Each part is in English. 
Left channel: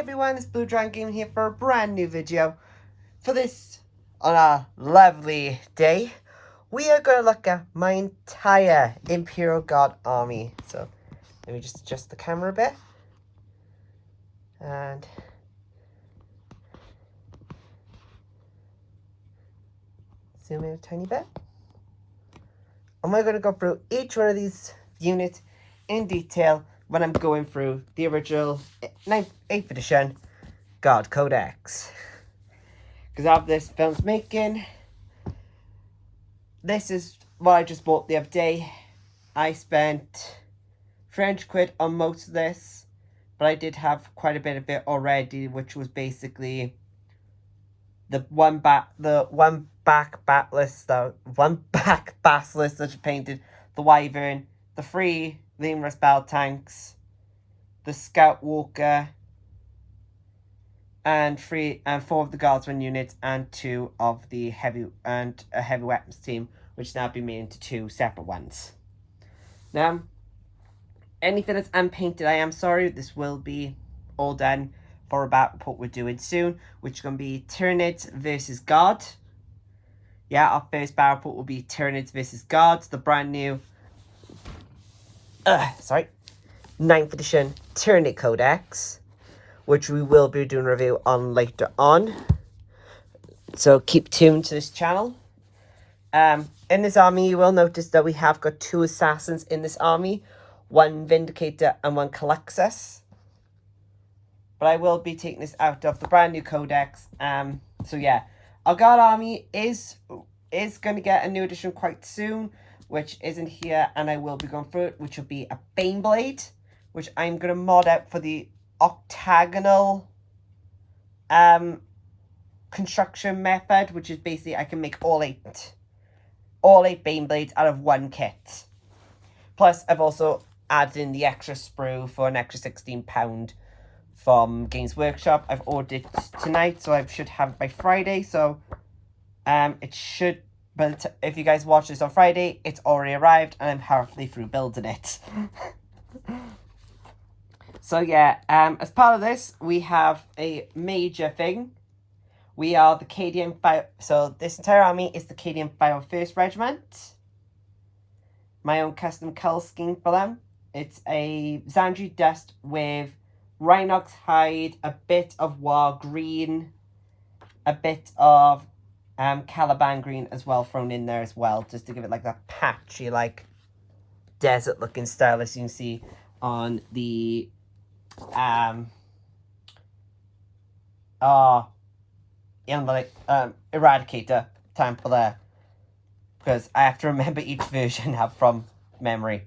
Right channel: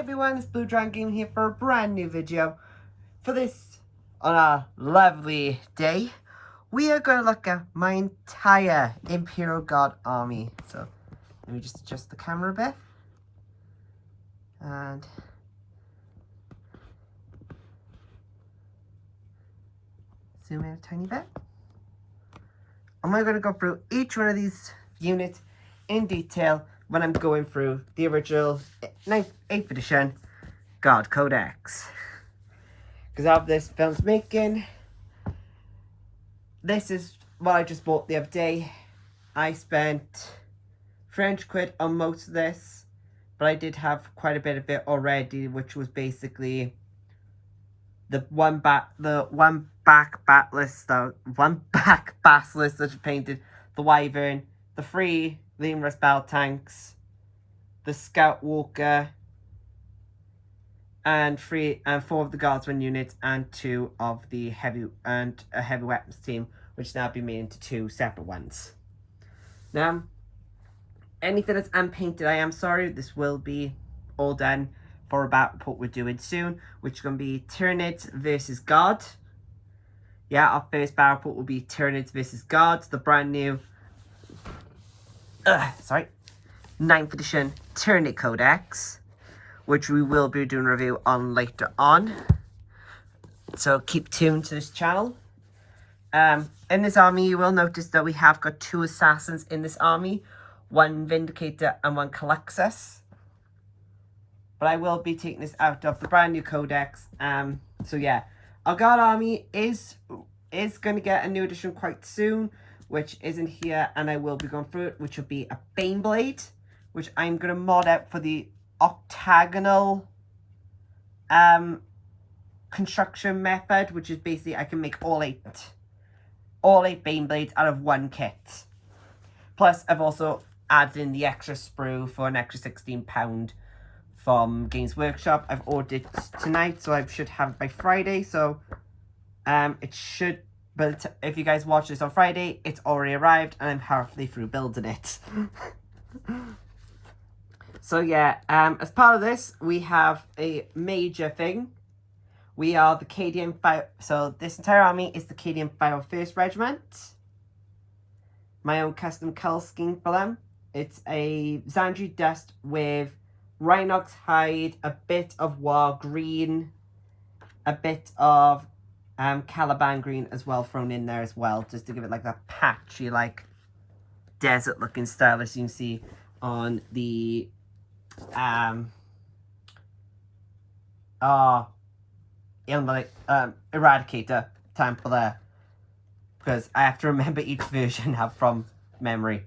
everyone, it's Blue Dragon Gaming here for a brand new video. For this, on a lovely day, we are going to look at my entire Imperial God army. So, let me just adjust the camera a bit. And zoom in a tiny bit. And we're going to go through each one of these units in detail when I'm going through the original 8th edition God Codex. Because of this film's making, this is what I just bought the other day. I spent £300 on most of this, but I did have quite a bit of it already, which was basically the one back basilisk that I painted, the Wyvern, the 3 Lemurus Battle Tanks, the Scout Walker, and 4 of the Guardsman units, and 2 of the heavy weapons team, which now been made into 2 separate ones. Now, anything that's unpainted, I am sorry, this will be all done for about what we're doing soon, which is going to be Tyranids versus God. Yeah, our first battle report will be Tyranids versus God, the brand new 9th edition Tyranid Codex, which we will be doing a review on later on. So keep tuned to this channel. In this army, you will notice that we have got 2 assassins in this army, 1 Vindicator and 1 Calexis. But I will be taking this out of the brand new Codex. So yeah, our God army is going to get a new edition quite soon, which isn't here, and I will be going through it, which will be a Baneblade, which I'm going to mod out for the octagonal construction method, which is basically I can make all 8 Baneblades out of 1 kit. Plus, I've also added in the extra sprue for an extra £16 from Games Workshop. I've ordered it tonight, so I should have it by Friday. So it should, but if you guys watch this on Friday, it's already arrived and I'm halfway through building it. So yeah, as part of this, we have a major thing. We are the Cadian Fire. So this entire army is the Cadian 501st Regiment. My own custom colour scheme for them. It's a Xandri dust with Rhinox hide, a bit of War green, a bit of Caliban green as well thrown in there as well, just to give it like that patchy, like desert looking style as you can see on the Eradicator temple there, because I have to remember each version from memory.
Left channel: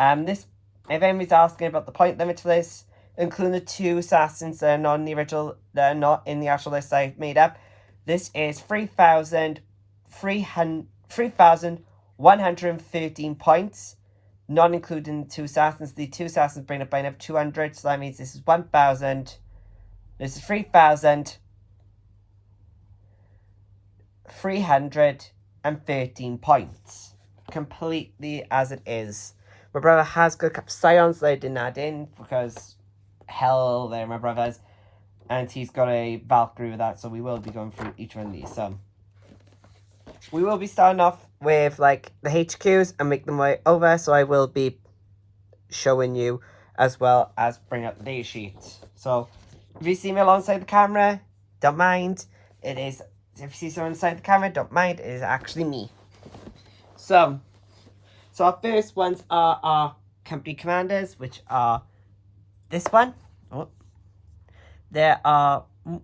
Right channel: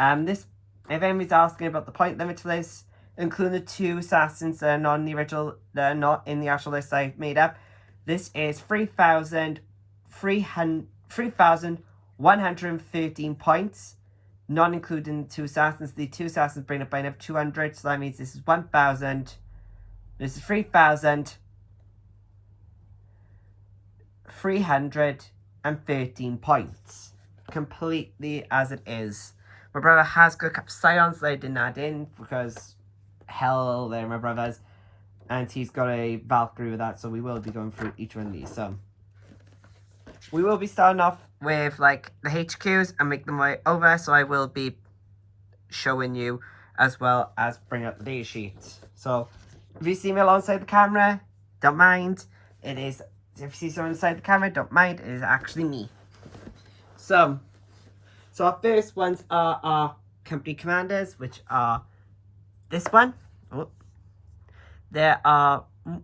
This, if anybody's asking about the point limit for this, including the 2 assassins that are not in the original, that are not in the actual list I made up, this is 3,113 points, not including the 2 assassins. The 2 assassins bring it by another 200, so that means this is 1,000. This is 3,313 points, completely as it is. My brother has got a couple of Scions that I didn't add in because hell, they're my brothers, and he's got a Valkyrie with that, so we will be going through each one of these. So we will be starting off with like the HQs and make them way over, so I will be showing you as well as bring out the data sheet. So if you see me alongside the camera, don't mind. It is, if you see someone inside the camera, don't mind, it is actually me. So our first ones are our company commanders, which are this one. Oh. There are, let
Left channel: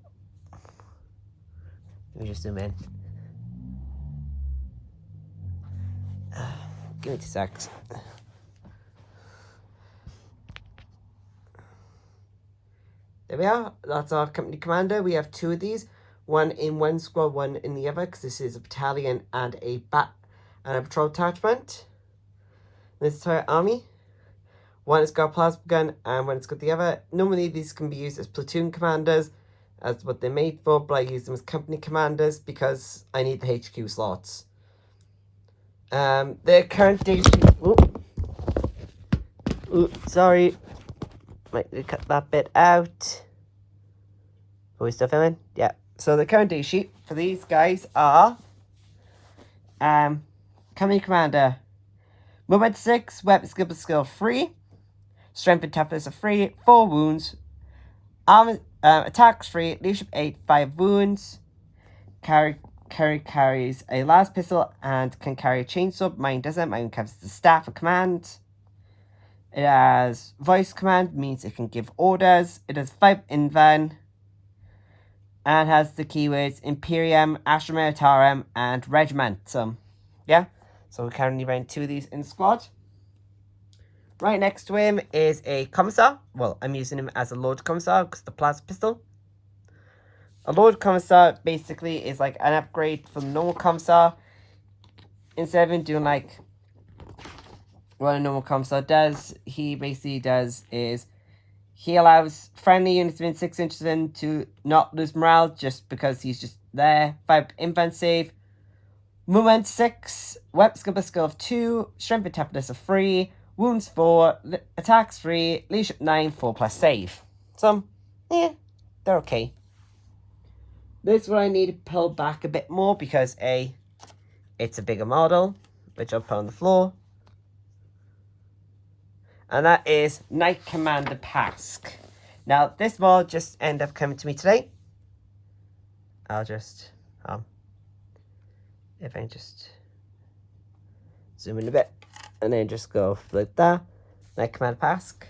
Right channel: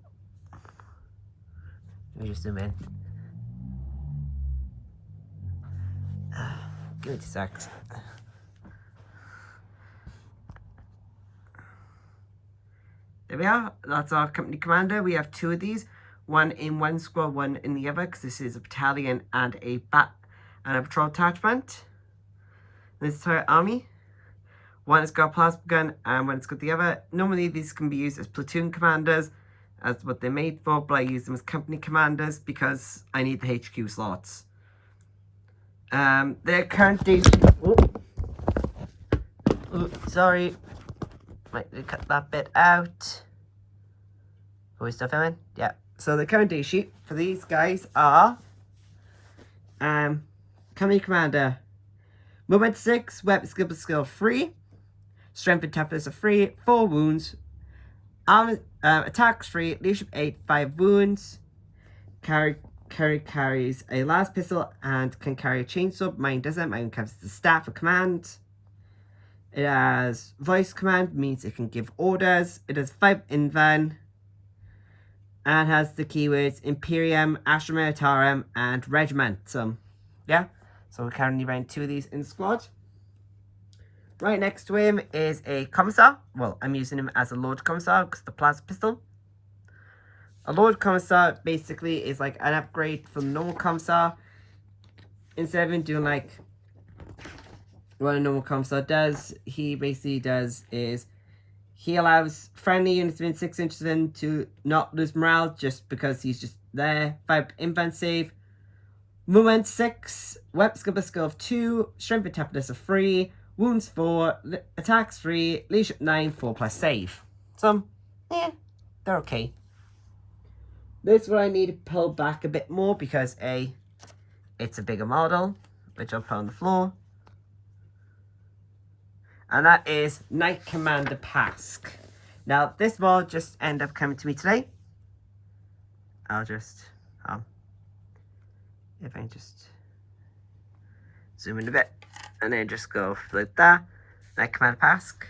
me just zoom in. Give me 2 seconds. There we are. That's our company commander. We have 2 of these. One in one squad, one in the other, because this is a battalion and a patrol attachment. This entire army. One has got a plasma gun and one has got the other. Normally these can be used as platoon commanders, as what they're made for, but I use them as company commanders because I need the HQ slots. The current date. Sorry. Might cut that bit out. Are we still filming? Yeah. So the current day sheet for these guys are Company Commander. Movement 6, Weapon Skill 3, Strength and Toughness of 3, 4 wounds, attacks 3, Leadership 8, 5 wounds, carries a las pistol and can carry a chainsaw. Mine doesn't. Mine carries the staff of command. It has voice command, means it can give orders. It has 5 invan and has the keywords Imperium, Astra Militarum, and Regiment. So, yeah. So we're currently running 2 of these in the squad. Right next to him is a Commissar. Well, I'm using him as a Lord Commissar because the plasma pistol. A Lord Commissar basically is like an upgrade from the normal Commissar. Instead of him doing like what a normal Commissar does, he basically does is he allows friendly units within 6 inches of him to not lose morale just because he's just there. 5 infant save. Movement 6, Weapon Skill of 2, Strength and Toughness of 3, Wounds 4, Attacks 3, Leadership 9, 4+ save. So, yeah, they're okay. This is what I need to pull back a bit more because it's a bigger model, which I'll put on the floor. And that is Knight Commander Pask. Now, this model just ended up coming to me today. I'll just, if I just zoom in a bit, and then just go like that. Knight Commander Pask.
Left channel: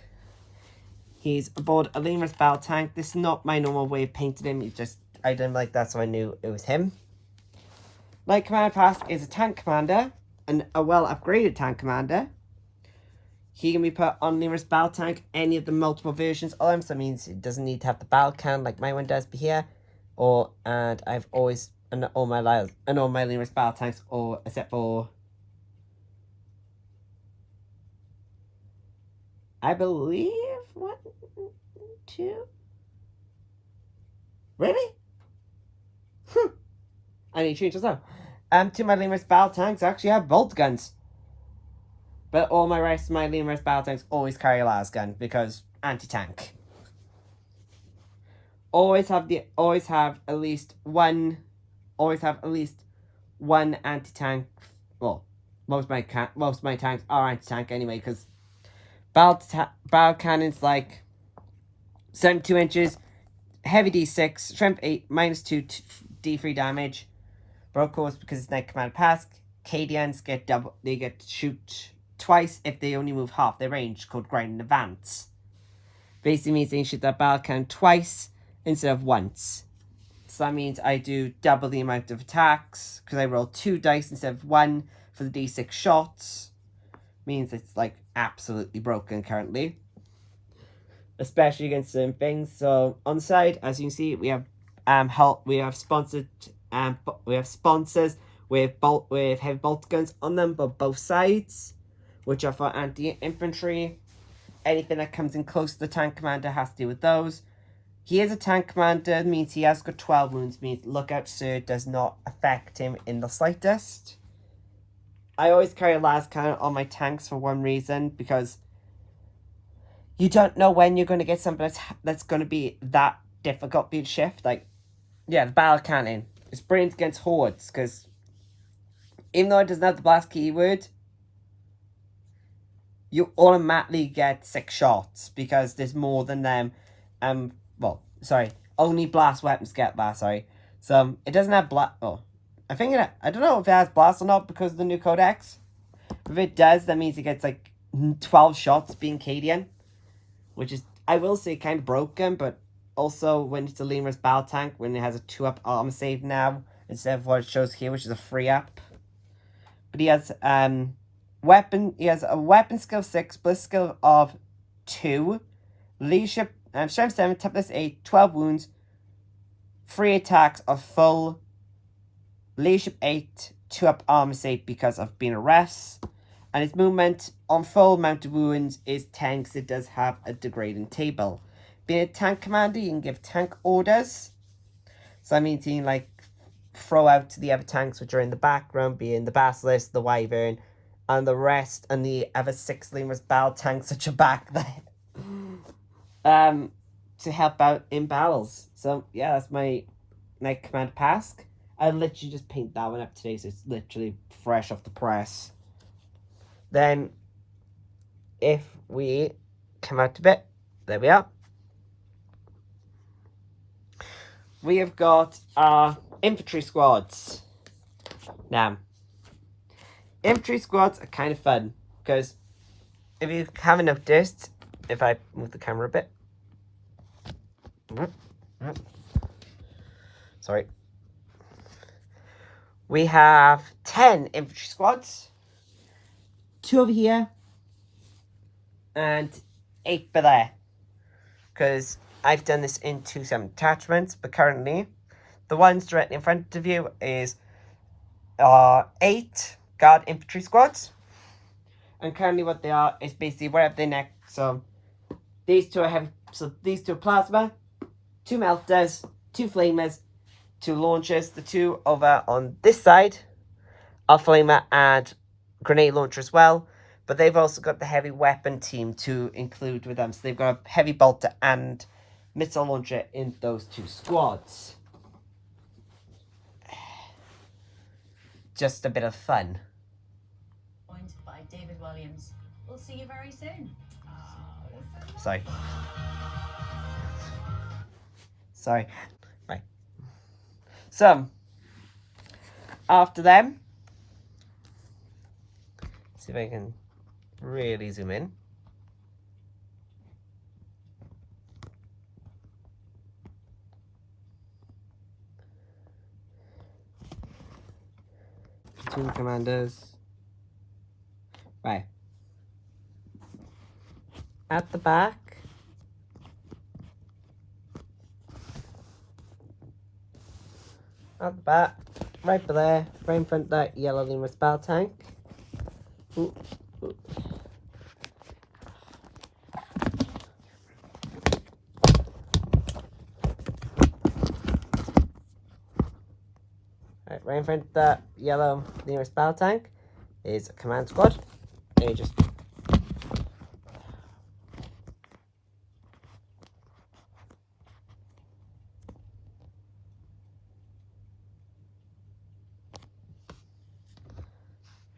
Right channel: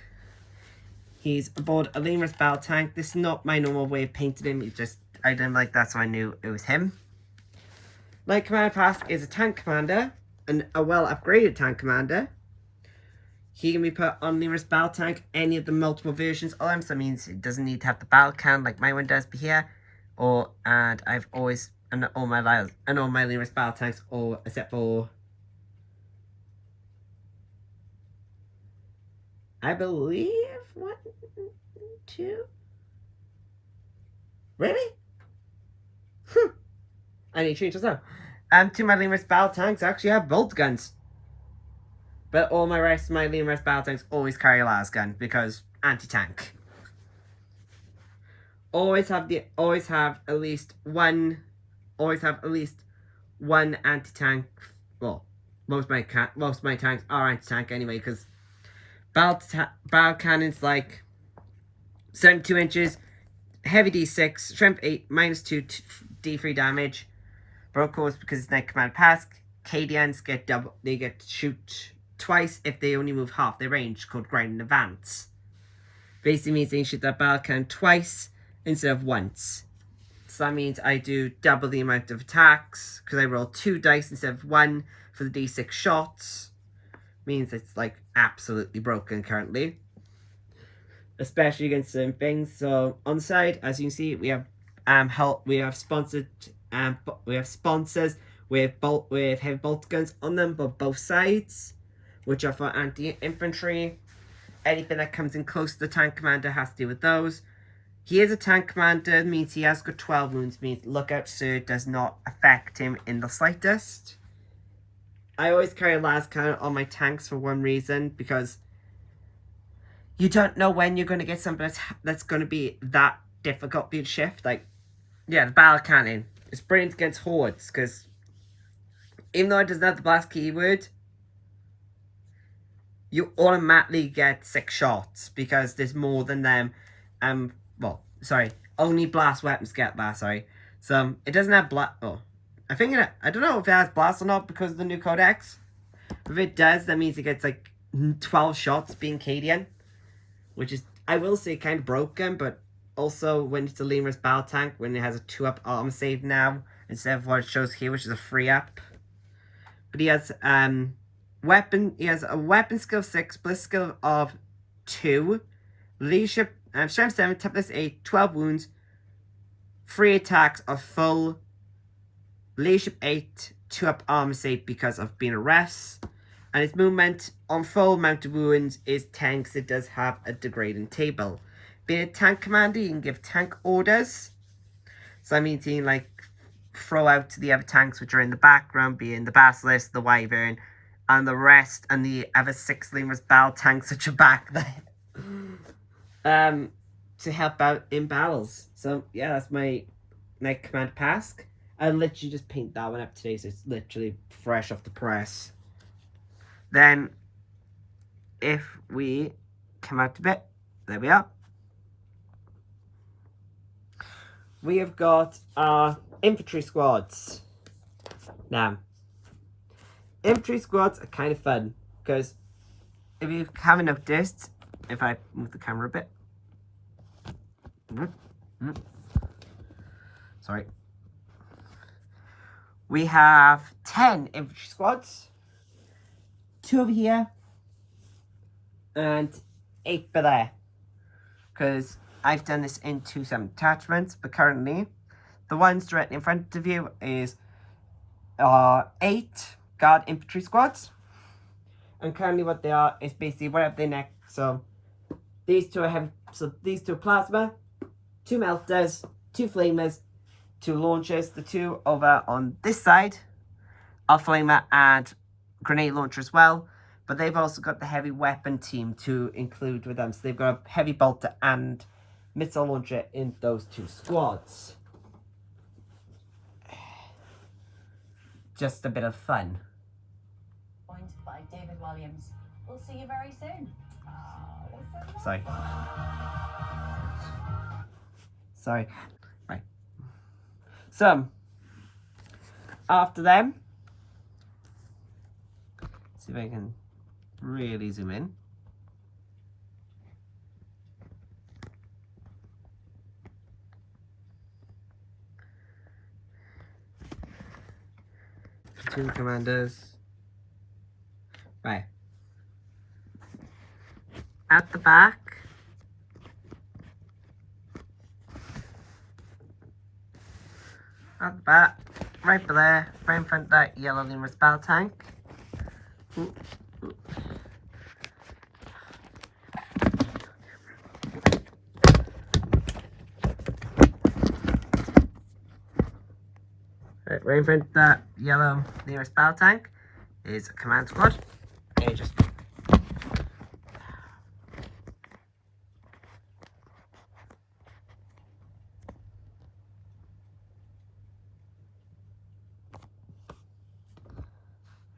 He's aboard a Lemur's battle tank. This is not my normal way of painting him. It's just, I didn't like that, so I knew it was him. Knight Commander Pask is a tank commander, and a well-upgraded tank commander. He can be put on Lemur's battle tank, any of the multiple versions of him, so that means it doesn't need to have the battle can like my one does be here. And I've always, and all my Lemur's battle tanks, except for, I believe, 1, 2, really? I need to change this now. 2 of my Lemur's battle tanks actually have bolt guns. But all my rest of my Lemur's battle tanks always carry a las gun because anti-tank. Always have at least one anti-tank. Well, most of my tanks are anti-tank anyway, because battle cannons like 72 inches, heavy D6, strength 8, -2 D3 damage. But of course, because it's Knight Commander Pask, Cadians get double. They get to shoot twice if they only move half their range, called Grind in Advance. Basically means they can shoot that battle cannon twice instead of once. So that means I do double the amount of attacks, because I roll 2 dice instead of 1 for the D6 shots. Means it's like absolutely broken currently. Especially against certain things. So on the side, as you can see, we have sponsors with heavy bolt guns on them, but both sides, which are for anti-infantry. Anything that comes in close to the tank commander has to deal with those. He is a tank commander, means he has got 12 wounds, means Lookout Sir does not affect him in the slightest. I always carry a las cannon on my tanks for one reason, because you don't know when you're going to get something that's going to be that difficult to shift. Like, yeah, the battle cannon is brilliant against hordes, because even though it doesn't have the blast keyword, you automatically get 6 shots, because there's more than them. Only blast weapons get that, So, it doesn't have blast. I don't know if it has blast or not because of the new codex. If it does, that means it gets like 12 shots being Cadian, which is, I will say, kind of broken, but also when it's a Lemur's battle tank, when it has a 2-up armor save now, instead of what it shows here, which is a 3-up. But he has a weapon skill 6, bliss skill of 2, leadership, strength 7, toughness 8, 12 wounds, 3 attacks of full, leadership 8, 2-up armor save because of being a rest. And its movement on full amount of wounds is 10 because it does have a degrading table. Being a tank commander, you can give tank orders. So that means you can like throw out to the other tanks which are in the background, being the Basilisk, the Wyvern, and the rest, and the other 6 Lemur's battle tanks which are back there. to help out in battles. So yeah, that's my Knight Command Pask. I literally just paint that one up today, so it's literally fresh off the press. Then, if we come out a bit, there we are. We have got our infantry squads. Now, infantry squads are kind of fun because if you haven't noticed, if I move the camera a bit. Sorry. We have 10 infantry squads, 2 over here, and 8 there. Because I've done this into some attachments, but currently the ones directly in front of you is 8 guard infantry squads. And currently what they are is basically wherever they're next. So these 2 are heavy, so these 2 are plasma, 2 melters, 2 flamers, 2 launchers. The 2 over on this side are flamer and grenade launcher as well. But they've also got the heavy weapon team to include with them. So they've got a heavy bolter and missile launcher in those 2 squads. Just a bit of fun. By David Williams. We'll see you very soon. Sorry. Sorry. Right. So, after them, see if I can really zoom in. Platoon commanders. Right. At the back, right there, right in front of that yellow numerous battle tank. Ooh. Right in front of that yellow nearest battle tank is a command squad. And you just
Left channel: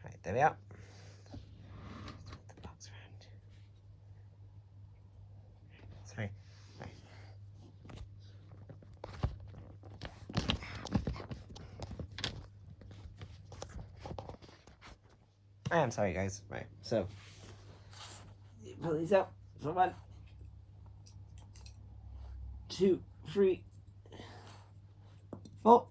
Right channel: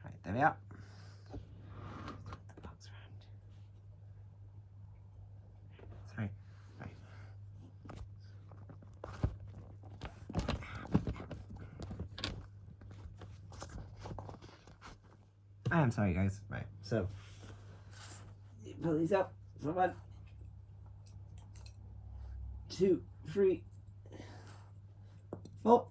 right, there we are. Sorry. Right. I am sorry, guys. Right, so pull these out. So 1, 2, 3, 4.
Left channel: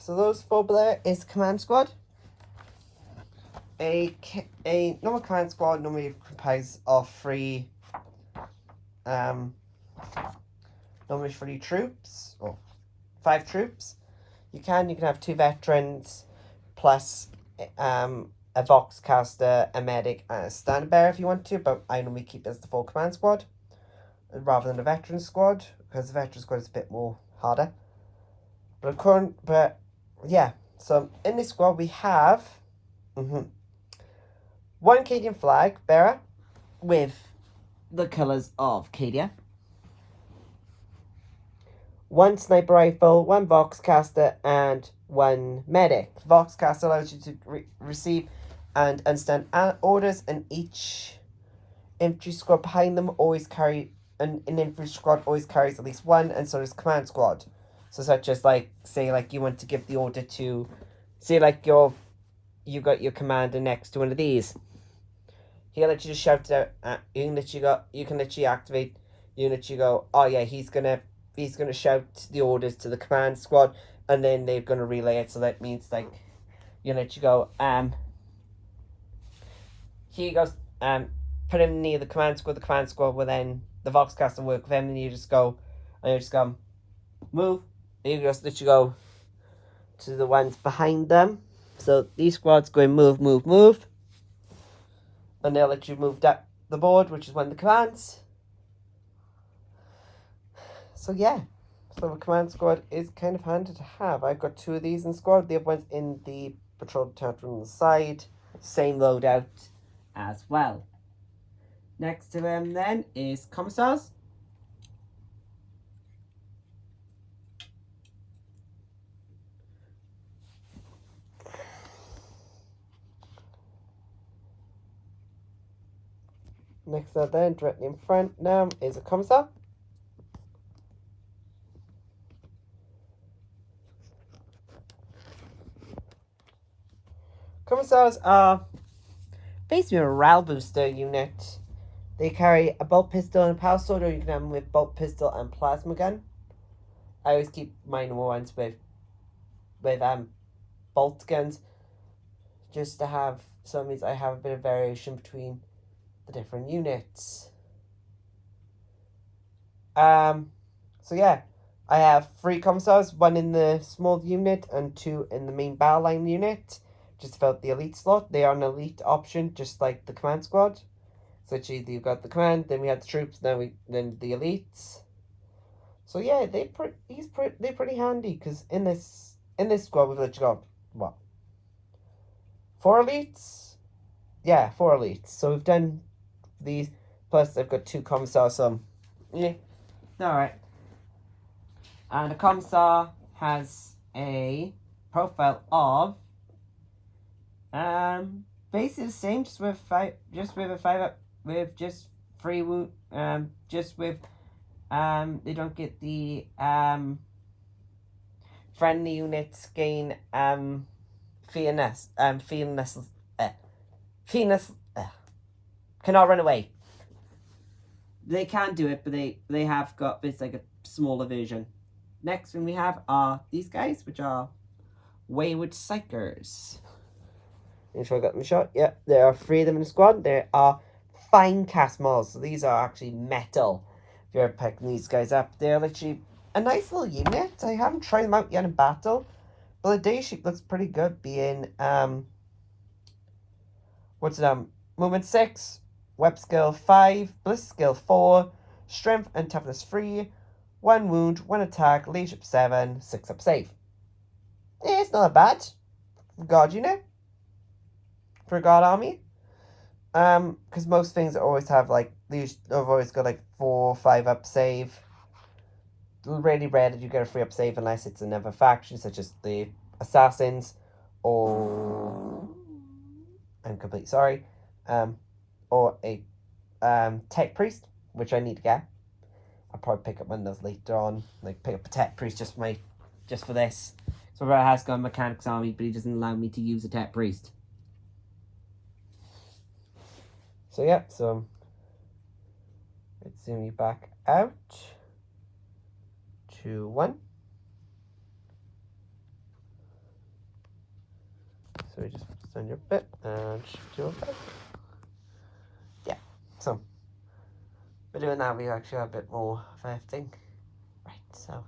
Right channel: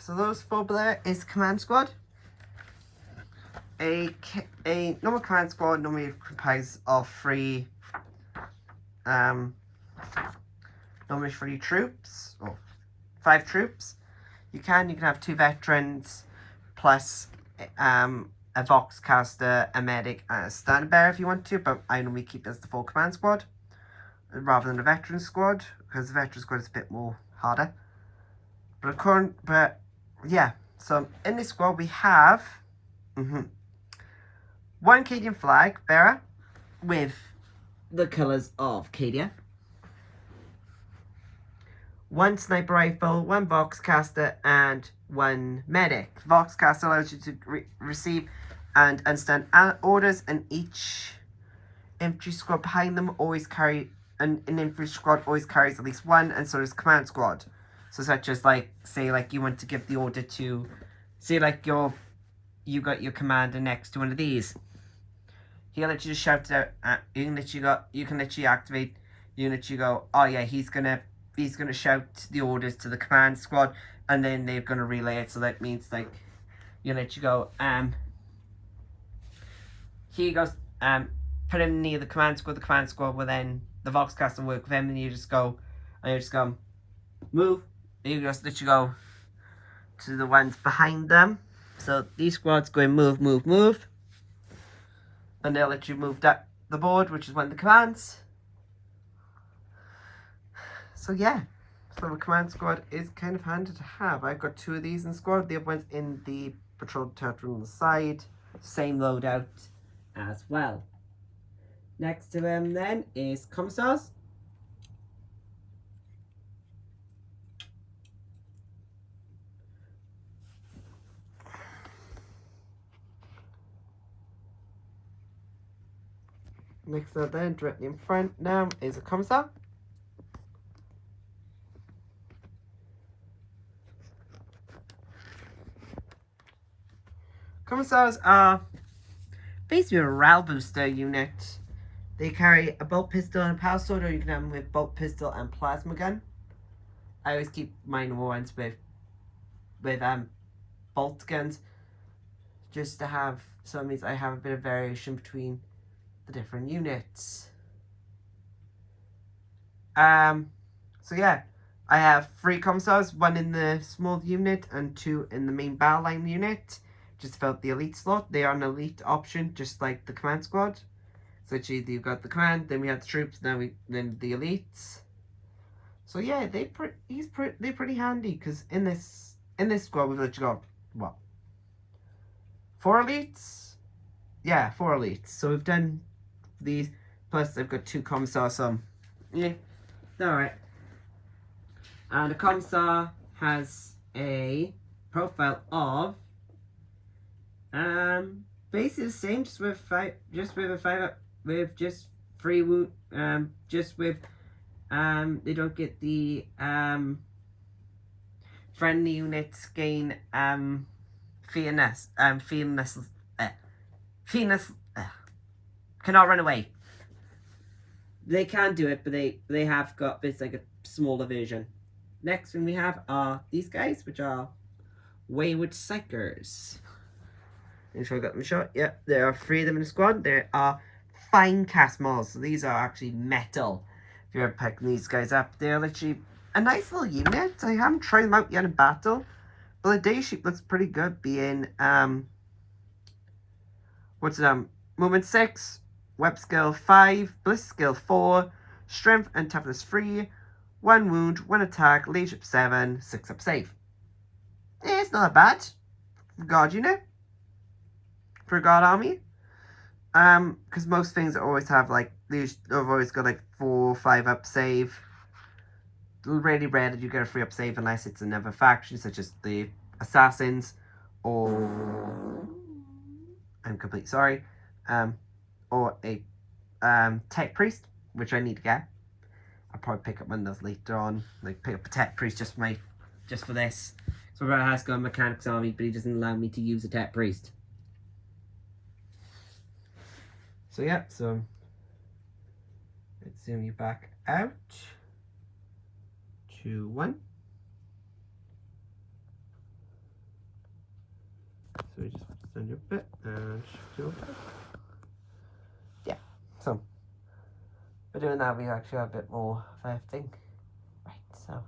So those 4 there is command squad. A normal command squad normally comprises of 3 normally 3 troops or 5 troops. You can have 2 veterans plus a vox caster, a medic, and a standard bearer if you want to, but I normally keep it as the full command squad rather than a veteran squad because the veteran squad is a bit more harder. But yeah, so in this squad we have 1 Cadian flag bearer with the colours of Cadia, 1 sniper rifle, 1 vox caster, and 1 medic. Vox caster allows you to receive and understand orders, and each infantry squad behind them always carry an infantry squad always carries at least 1, and so does command squad. So such as say you want to give the order to, say you got your commander next to one of these. He'll let you just shout it out. You can literally activate. You can literally go, oh yeah, he's gonna shout the orders to the command squad, and then they're gonna relay it. So that means you literally go, here goes, put him near the command squad. The command squad will then the voxcaster work with him, and you just go, move. And you just literally go, to the ones behind them. So these squads go in move, move, move. And they'll let you move up the board, which is one of the commands. So yeah. So the command squad is kind of handy to have. I've got 2 of these in squad. The other one's in the patrol turret on the side. Same loadout as well. Next to him then is commissars. Next up then, directly in front now, is a commissar. Commissars are basically a morale booster unit. They carry a bolt pistol and a power sword, or you can have them with bolt pistol and plasma gun. I always keep mine ones with bolt guns, just to have some of these. I have a bit of variation between the different units. So yeah, I have 3 commissars, 1 in the small unit and 2 in the main battle line unit. Just filled the elite slot. They are an elite option, just like the command squad. So it's either you've got the command, then we have the troops, then the elites. So yeah, they're pretty handy, because in this squad we've literally got what, 4 elites? Yeah, 4 elites. So we've done these, plus I've got 2 commissars. So yeah, all right. And a commissar has a profile of basically the same, just with 3 wound, just with they don't get the friendly units gain fearless cannot run away. They can do it, but they have got this like a smaller version. Next thing we have are these guys, which are Wayward Psychers. Make sure I got them shot. Yeah, there are 3 of them in the squad. There are fine cast models, so these are actually metal. If you're picking these guys up, they're literally a nice little unit. I haven't tried them out yet in battle, but the day sheet looks pretty good, being movement 6, web skill 5, bliss skill 4, strength and toughness 3, 1 wound, 1 attack, leadership 7, 6 up save. Yeah, it's not bad. God unit. For a God army. Because most things always have like, these have always got like 4 or 5 up save. Really rare that you get a 3 up save unless it's another faction, such as the assassins, or I'm completely sorry, or a tech priest, which I need to get. I'll probably pick up one of those later on, like pick up a tech priest just for this. So my brother has got a mechanics army, but he doesn't allow me to use a tech priest. So yeah, so let's zoom you back out to 1. So we just stand your bit and shift your back. Yeah, so by doing that we actually have a bit more of everything. Right, so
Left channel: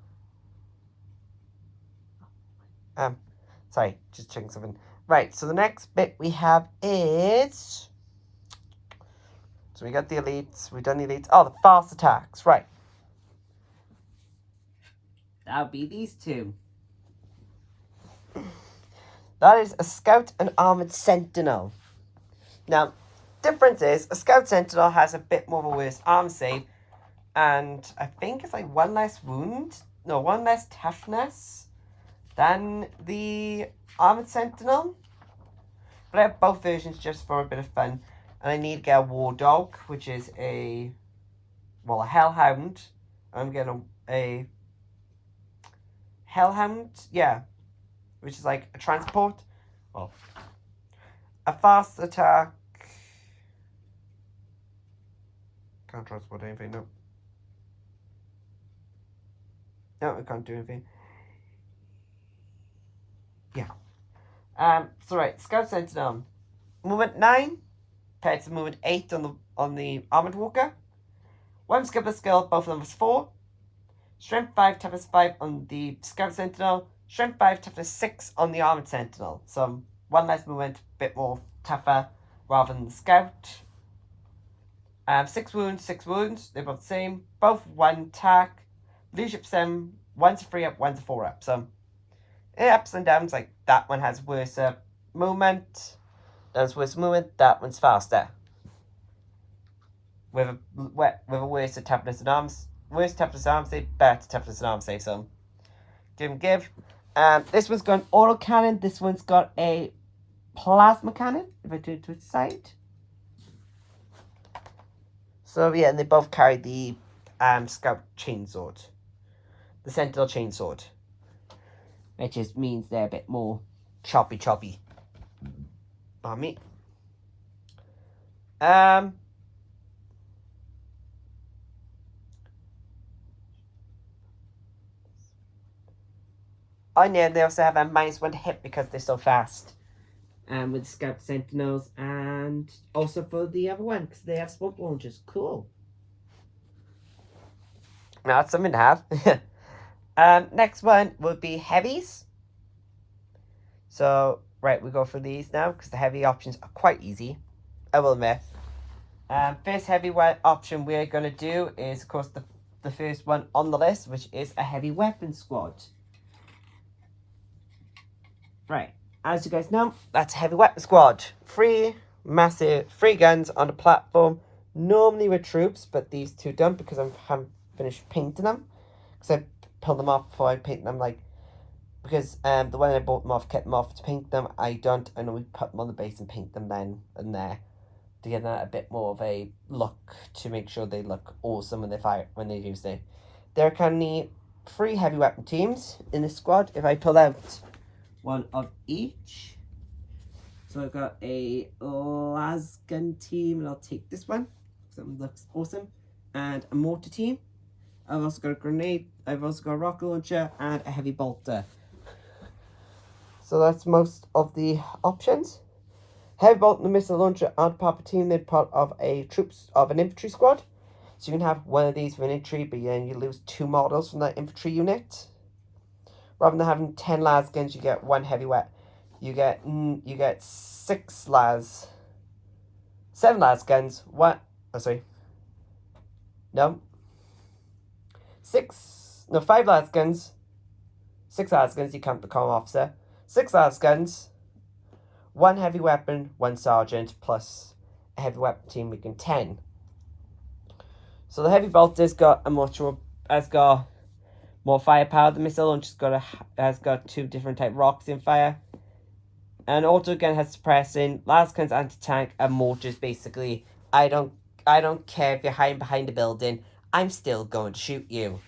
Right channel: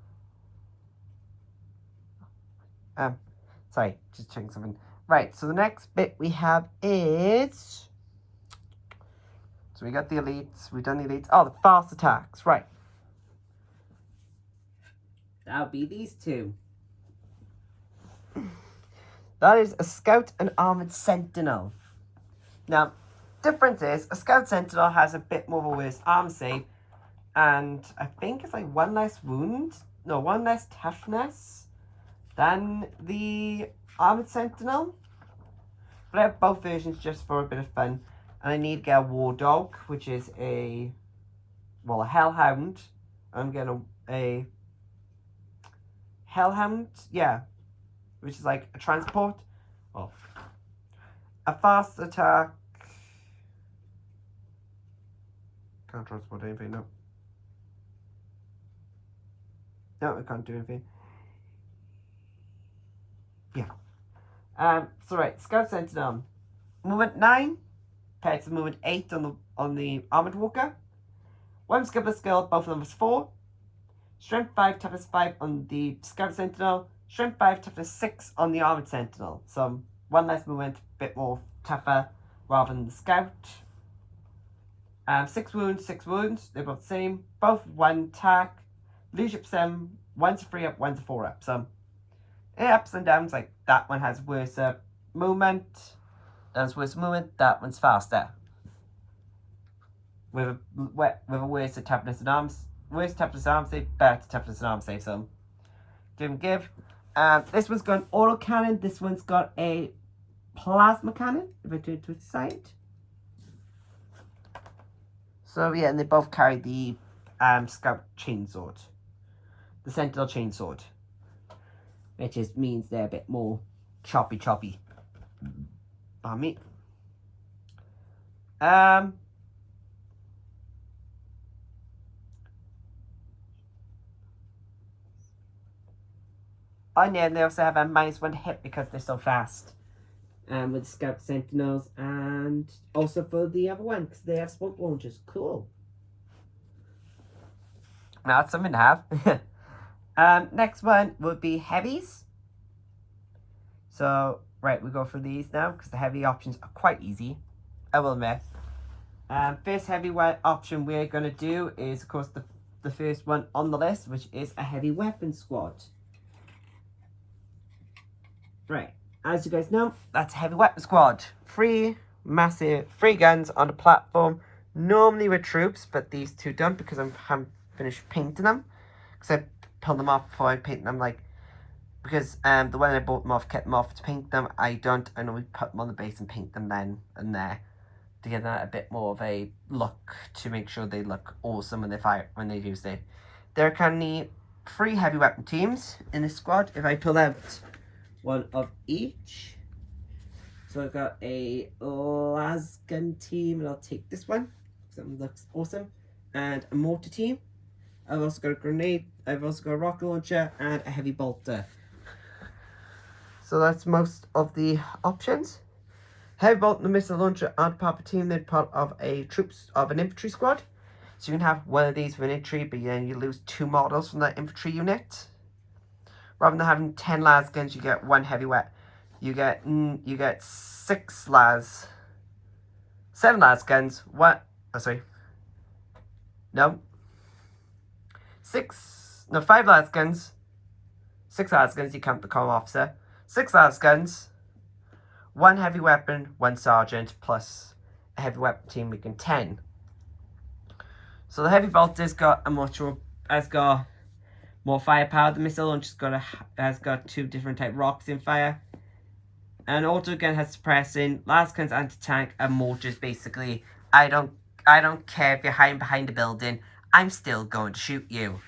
sorry, just checking something. Right, so the next bit we have is, so we got the elites, we've done the elites. Oh, the fast attacks, right. That would be these 2. That is a scout and armored sentinel. Now, difference is a scout sentinel has a bit more of a worse arm save, and I think it's like 1 less wound, no, 1 less toughness than the armored sentinel. But I have both versions just for a bit of fun. And I need to get a war dog, which is a hellhound. I'm getting a hellhound, yeah, which is like a transport. Well, a fast attack. Can't transport anything, no. No, I can't do anything. Yeah. So right, Scout Sentinel. Movement 9 compared to movement 8 on the Armored Walker. 1 skill per skill, both of them is 4. Strength 5, toughness 5 on the Scout Sentinel. Strength 5, toughness 6 on the Armored Sentinel. So one less movement, a bit more tougher rather than the Scout. 6 wounds, 6 wounds. They're both the same. Both 1 attack. Leadership 7. One's a 3 up, one's a 4 up. So ups and downs, like that one has worse movement. That one's worse movement. That one's faster. With a worse toughness and arms. Worse toughness and arms save, better toughness and arms save. So give. This one's got an auto cannon. This one's got a plasma cannon. If I do it to its side. So yeah, and they both carry the Scout chainsword. The Sentinel chainsword. Which just means they're a bit more choppy on me. And yeah, they also have a -1 hit because they're so fast. With Scout Sentinels, and also for the other one because they have smoke launchers. Cool. Now that's something to have. Next one would be heavies. So right, we go for these now because the heavy options are quite easy. I will admit. First heavy option we're gonna do is, of course, the first one on the list, which is a heavy weapon squad. Right, as you guys know, that's a heavy weapon squad. 3 guns on the platform, normally with troops, but these two don't because I haven't finished painting them. Because I pulled them off before I paint them, because the one I bought them off, kept them off to paint them. I normally put them on the base and paint them then and there to give them a bit more of a look, to make sure they look awesome when they're used it. There are currently 3 heavy weapon teams in this squad. If I pull out one of each. So I've got a lasgun team, and I'll take this one because that one looks awesome. And a mortar team. I've also got a grenade. I've also got a rocket launcher and a heavy bolter. So that's most of the options. Heavy bolt and the missile launcher aren't part of a team. They're part of an infantry squad. So you can have one of these for an infantry, but then you lose 2 models from that infantry unit. Rather than having 10 las guns, you get 1 heavy weapon. You get 7 las guns. 5 las guns. 6 las guns. You count the comm officer. 6 las guns. 1 heavy weapon, 1 sergeant, plus a heavy weapon team making 10. So the heavy bolter's got more firepower. The missile launcher has got 2 different type rocks in fire. And auto gun has suppressing, las guns anti-tank, and mortars basically. I don't care if you're hiding behind a building, I'm still going to shoot you.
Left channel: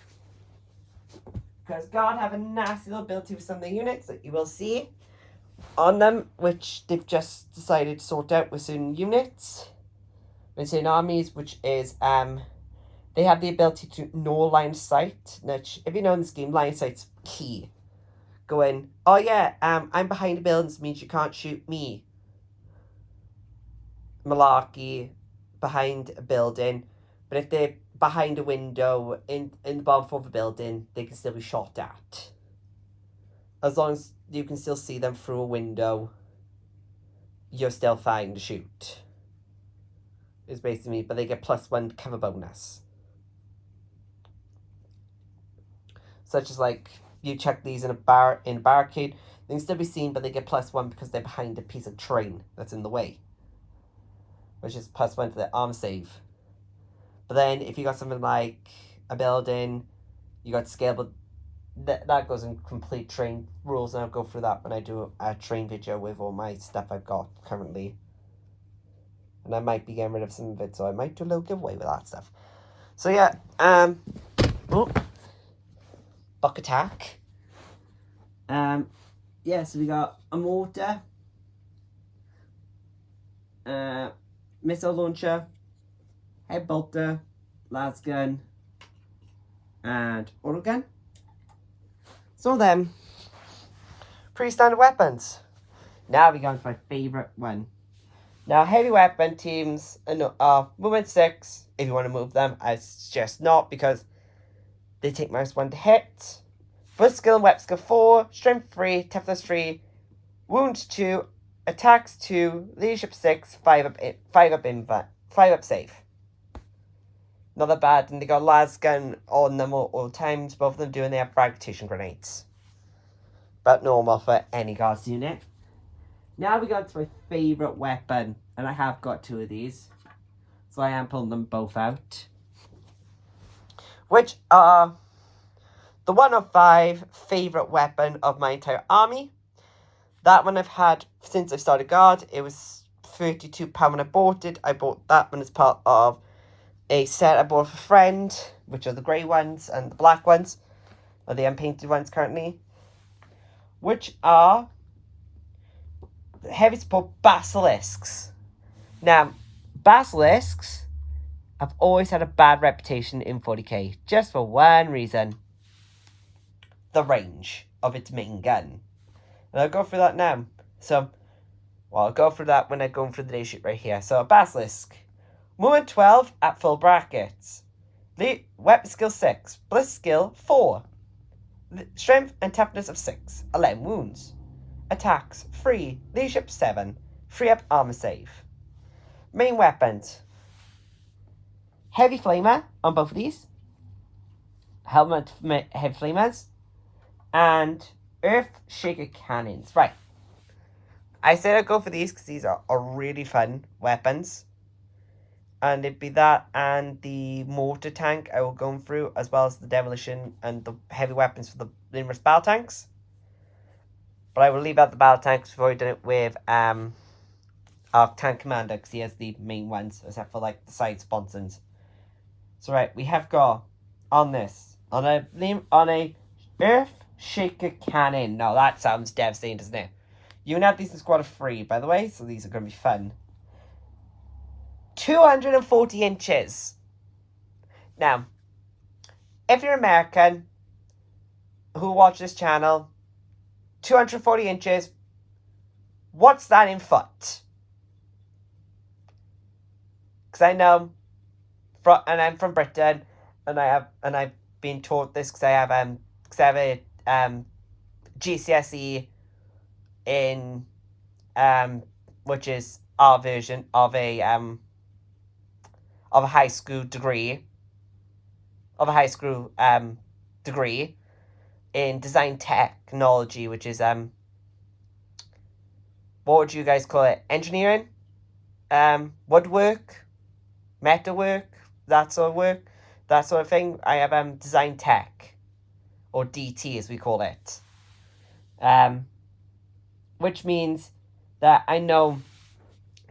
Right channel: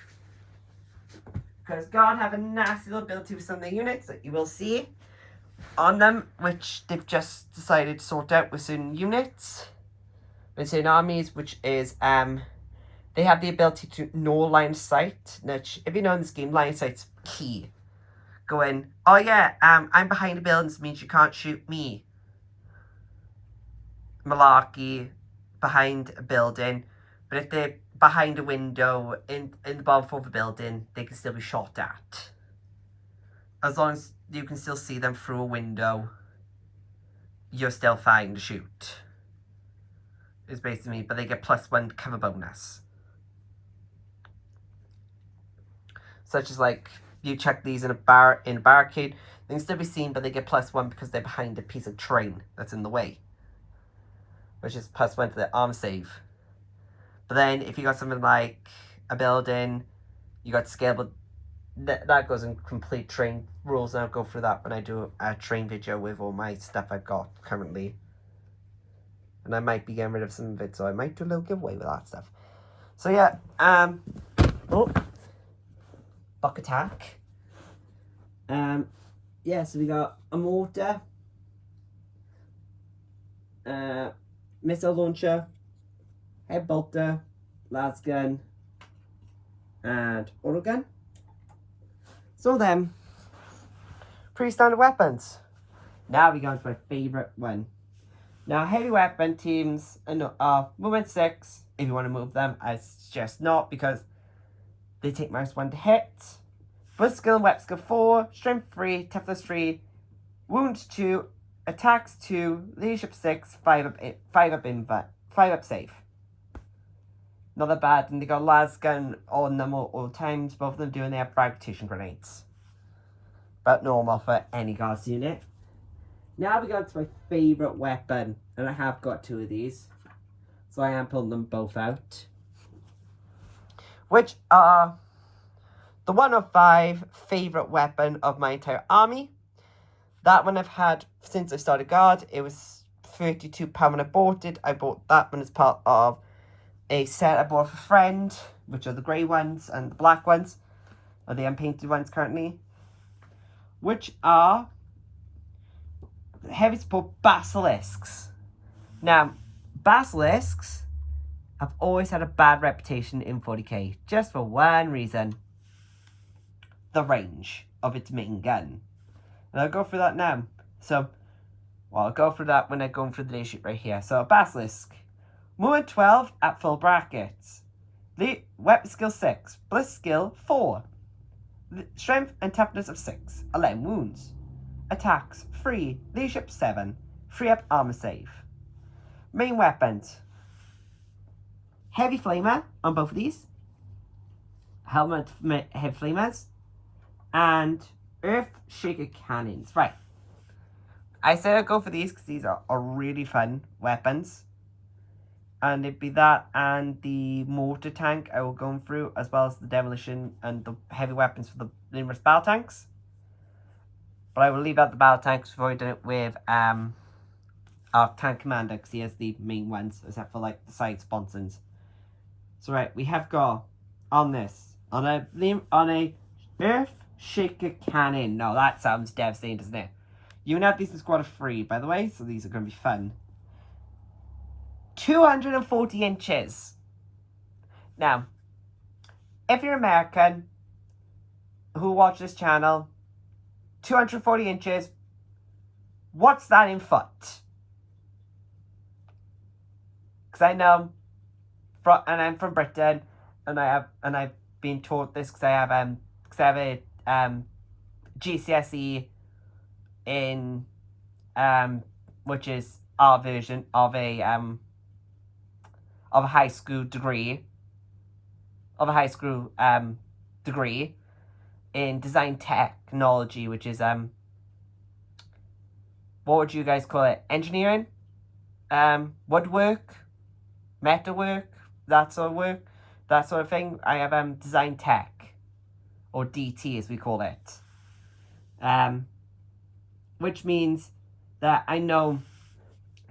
Because God have a nasty little ability with some of the units that you will see on them, which they've just decided to sort out with certain units, with certain armies, which is they have the ability to know line of sight. Which, if you know in this game, line of sight's key. Going, oh yeah, I'm behind a building, this means you can't shoot me. Malarkey, behind a building. But if they're behind a window in the bottom floor of a building, they can still be shot at. As long as you can still see them through a window, you're still fine to shoot. It's basically, but they get +1 cover bonus. Such as you check these in a barricade, they can still be seen, but they get +1 because they're behind a piece of train that's in the way, which is +1 to their arm save. But then if you got something like a building, you got scalable. That goes in complete train rules, and I'll go through that when I do a train video with all my stuff I've got currently. And I might be getting rid of some of it, so I might do a little giveaway with that stuff. So yeah, buck attack. Yeah, so we got a mortar, missile launcher, head bolter, las gun, and auto gun. So then, pretty standard weapons. Now we go into my favourite one. Now, heavy weapon teams are movement 6. If you want to move them, I suggest not, because They take -1 to hit. Boost skill and weapon skill 4, strength 3, toughness 3, wounds 2, attacks 2, leadership 6, 5 up save. Not that bad, and they got las gun on them all times, both of them doing their fragmentation grenades. About normal for any guards unit. Now we got to my favourite weapon, and I have got 2 of these, so I am pulling them both out. Which are the 1 of 5 favourite weapon of my entire army. That one I've had since I started guard. It was £32 when I bought it. I bought that one as part of a set I bought for a friend, which are the grey ones and the black ones, or the unpainted ones currently, which are the heavy support basilisks. Now, basilisks have always had a bad reputation in 40k, just for one reason: the range of its main gun. And I'll go through that now. So, well, I'll go through that when I go through the day sheet right here. So, a basilisk. Movement 12 at full brackets. Weapon skill 6. Bliss skill 4. Strength and toughness of 6. 11 wounds. Attacks 3. Leadership 7. 3 up armor save. Main weapons. Heavy flamer on both of these. Helmet heavy flamers. And earth shaker cannons. Right. I said I'd go for these because these are really fun weapons. And it'd be that and the mortar tank I will go through, as well as the demolition and the heavy weapons for the numerous battle tanks. But I will leave out the battle tanks before I do it with our tank commander, because he has the main ones, except for like the side sponsons. So right, we have got on a earth shaker cannon. Now that sounds devastating, doesn't it? You can have these in squad of 3, by the way, so these are going to be fun. 240 inches. Now, if you're American who watch this channel, 240 inches, what's that in foot? Because I know, and I'm from Britain, and I've been taught this because I have a GCSE in which is our version of a high school degree degree in design technology, which is what would you guys call it? Engineering, woodwork, metalwork, that sort of thing. I have design tech, or DT as we call it, which means that I know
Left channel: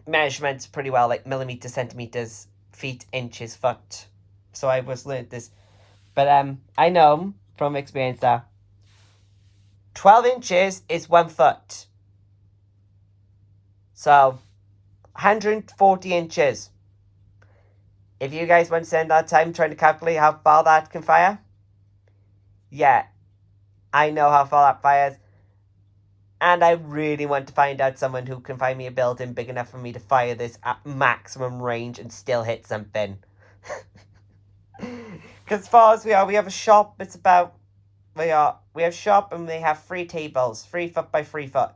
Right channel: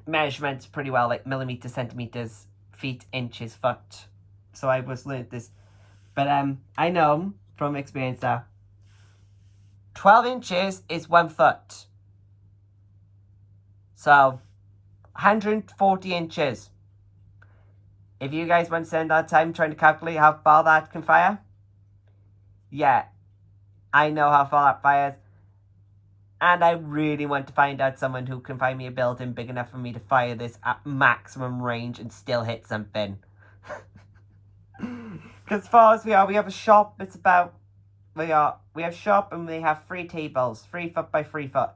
measurements pretty well, like millimeters, centimeters, feet, inches, foot. So I was learned this, but I know from experience that 12 inches is 1 foot. So 140 inches. If you guys want to spend that time trying to calculate how far that can fire, yeah, I know how far that fires. And I really want to find out someone who can find me a building big enough for me to fire this at maximum range and still hit something. Because as far as we have a shop, it's about, we have shop and we have 3 tables, 3 foot by 3 foot.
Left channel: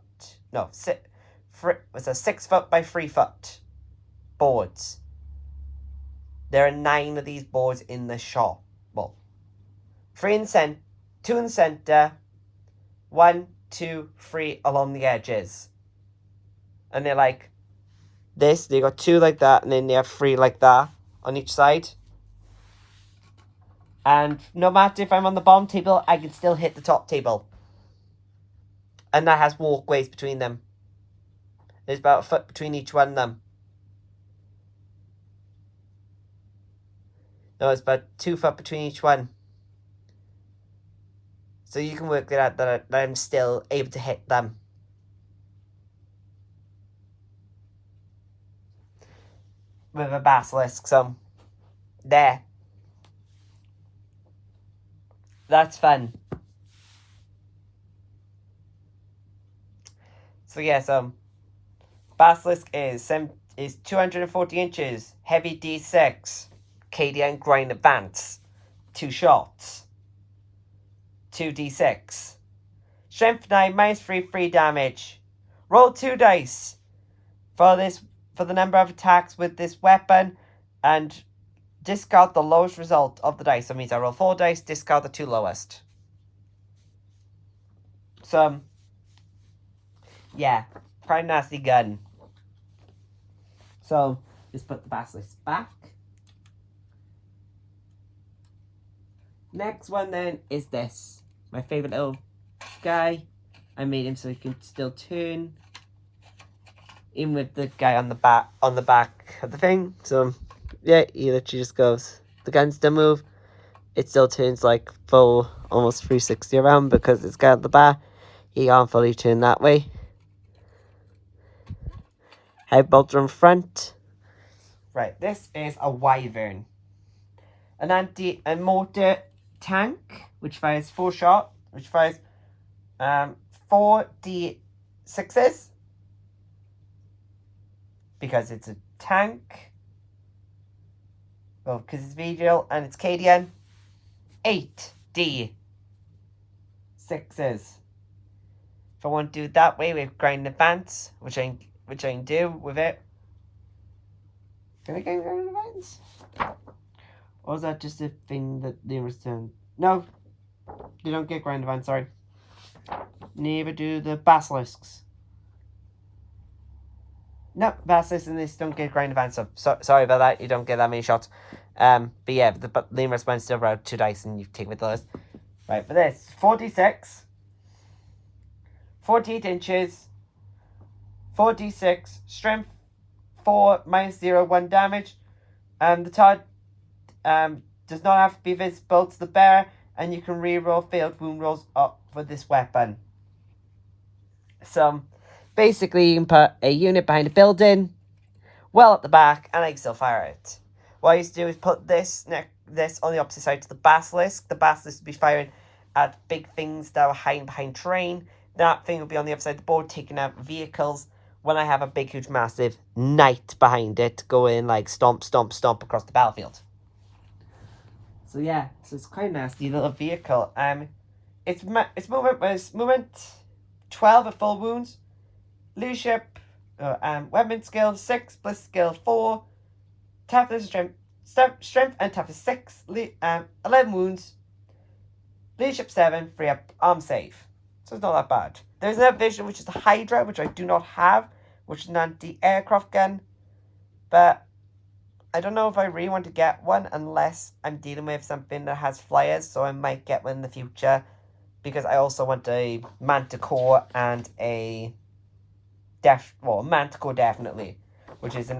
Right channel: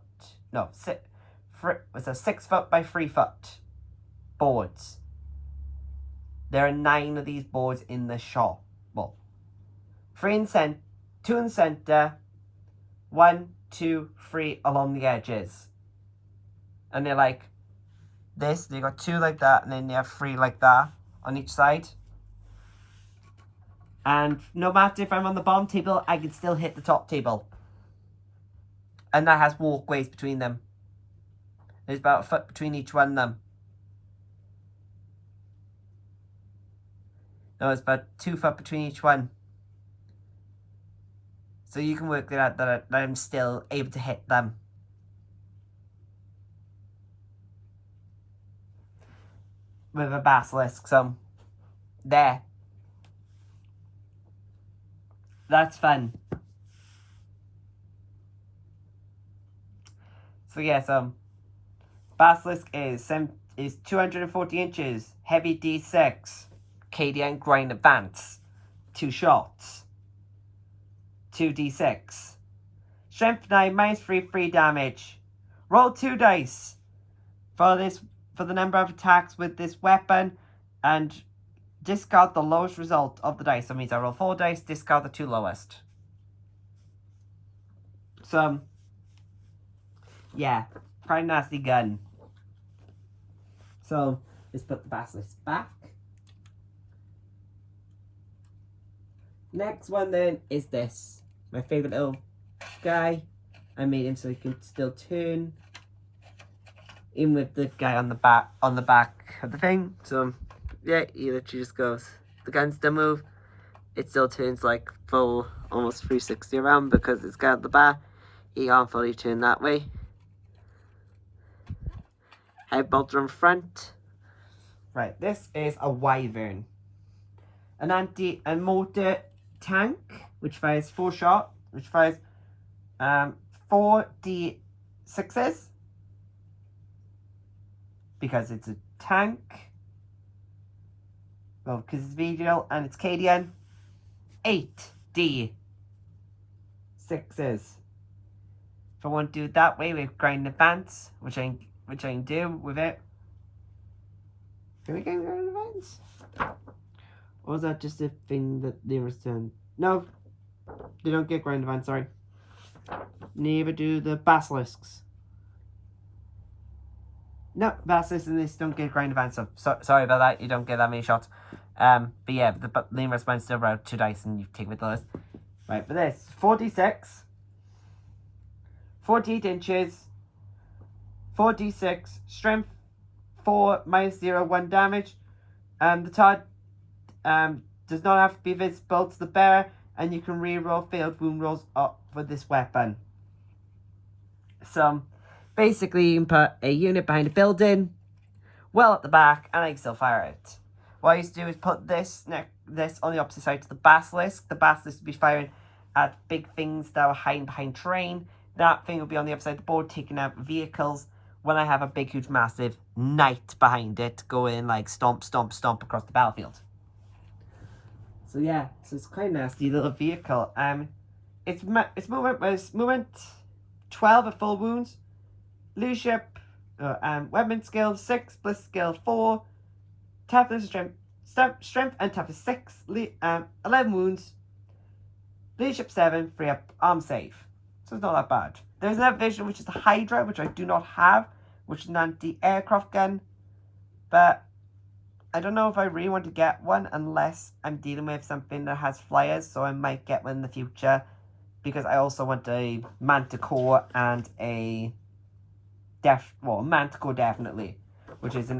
No, 6 foot by 3 foot boards. There are 9 of these boards in the shop. Well, 2 in the center, 1, 2, 3 along the edges. And they're like this. They got 2 like that, and then they have 3 like that on each side. And no matter if I'm on the bottom table, I can still hit the top table. And that has walkways between them. There's about 1 foot between each one of them. No, it's about 2 foot between each one. So you can work it out that I'm still able to hit them. With a basilisk, so there. That's fun. So yeah, so basilisk is 240 inches, heavy D6, KDN grind advance, 2 shots. 2d6. Strength 9, minus 3, 3 damage. Roll 2 dice for the number of attacks with this weapon, and discard the lowest result of the dice. That means I roll 4 dice, discard the 2 lowest. So, yeah, quite a nasty gun. So, let's put the basilisk back. Next one then is this. My favourite little guy. I made him so he can still turn. Even with the guy on the back of the thing. So yeah, he literally just goes. The gun still move. It still turns like full almost 360 around because it's got the back. He can't fully turn that way. Head bolter on front. Right, this is a wyvern. A mortar tank, which fires 4 shot, which fires 4d6s. Because it's a tank. Well, because it's Imperial and it's Cadian. 8d6s. If I want to do it that way with grind advance, which I can do with it. Can I get grind advance? Or is that just a thing that they return? No, they don't get grind advance. Sorry. Neither do the basilisks. No, basilisks and this don't get grind advance. So sorry about that. You don't get that many shots. But yeah, the lemur's one still roll 2 dice and you take with those. Right, for this, 4d6, 48 inches, 4d6, strength 4, minus 0, 1 damage. The target does not have to be visible to the bearer, and you can reroll failed wound rolls up for this weapon. So basically, you can put a unit behind a building, well at the back, and I can still fire it. What I used to do is put this on the opposite side to the basilisk. The basilisk would be firing at big things that were hiding behind terrain. That thing would be on the other side of the board, taking out vehicles. When I have a big, huge, massive knight behind it, going like stomp, stomp, stomp across the battlefield. So yeah, so it's quite a nasty little vehicle. Its movement was movement 12 at full wounds. Leadership, weapon skill 6 plus skill 4. Toughness, strength and toughness 6. 11 wounds. Leadership 7. 3 up arm save. So it's not that bad. There's another vision which is the Hydra, which I do not have, which is an anti-aircraft gun. But I don't know if I really want to get one unless I'm dealing with something that has flyers, so I might get one in the future. Because I also want a Manticore and a Manticore definitely. Which is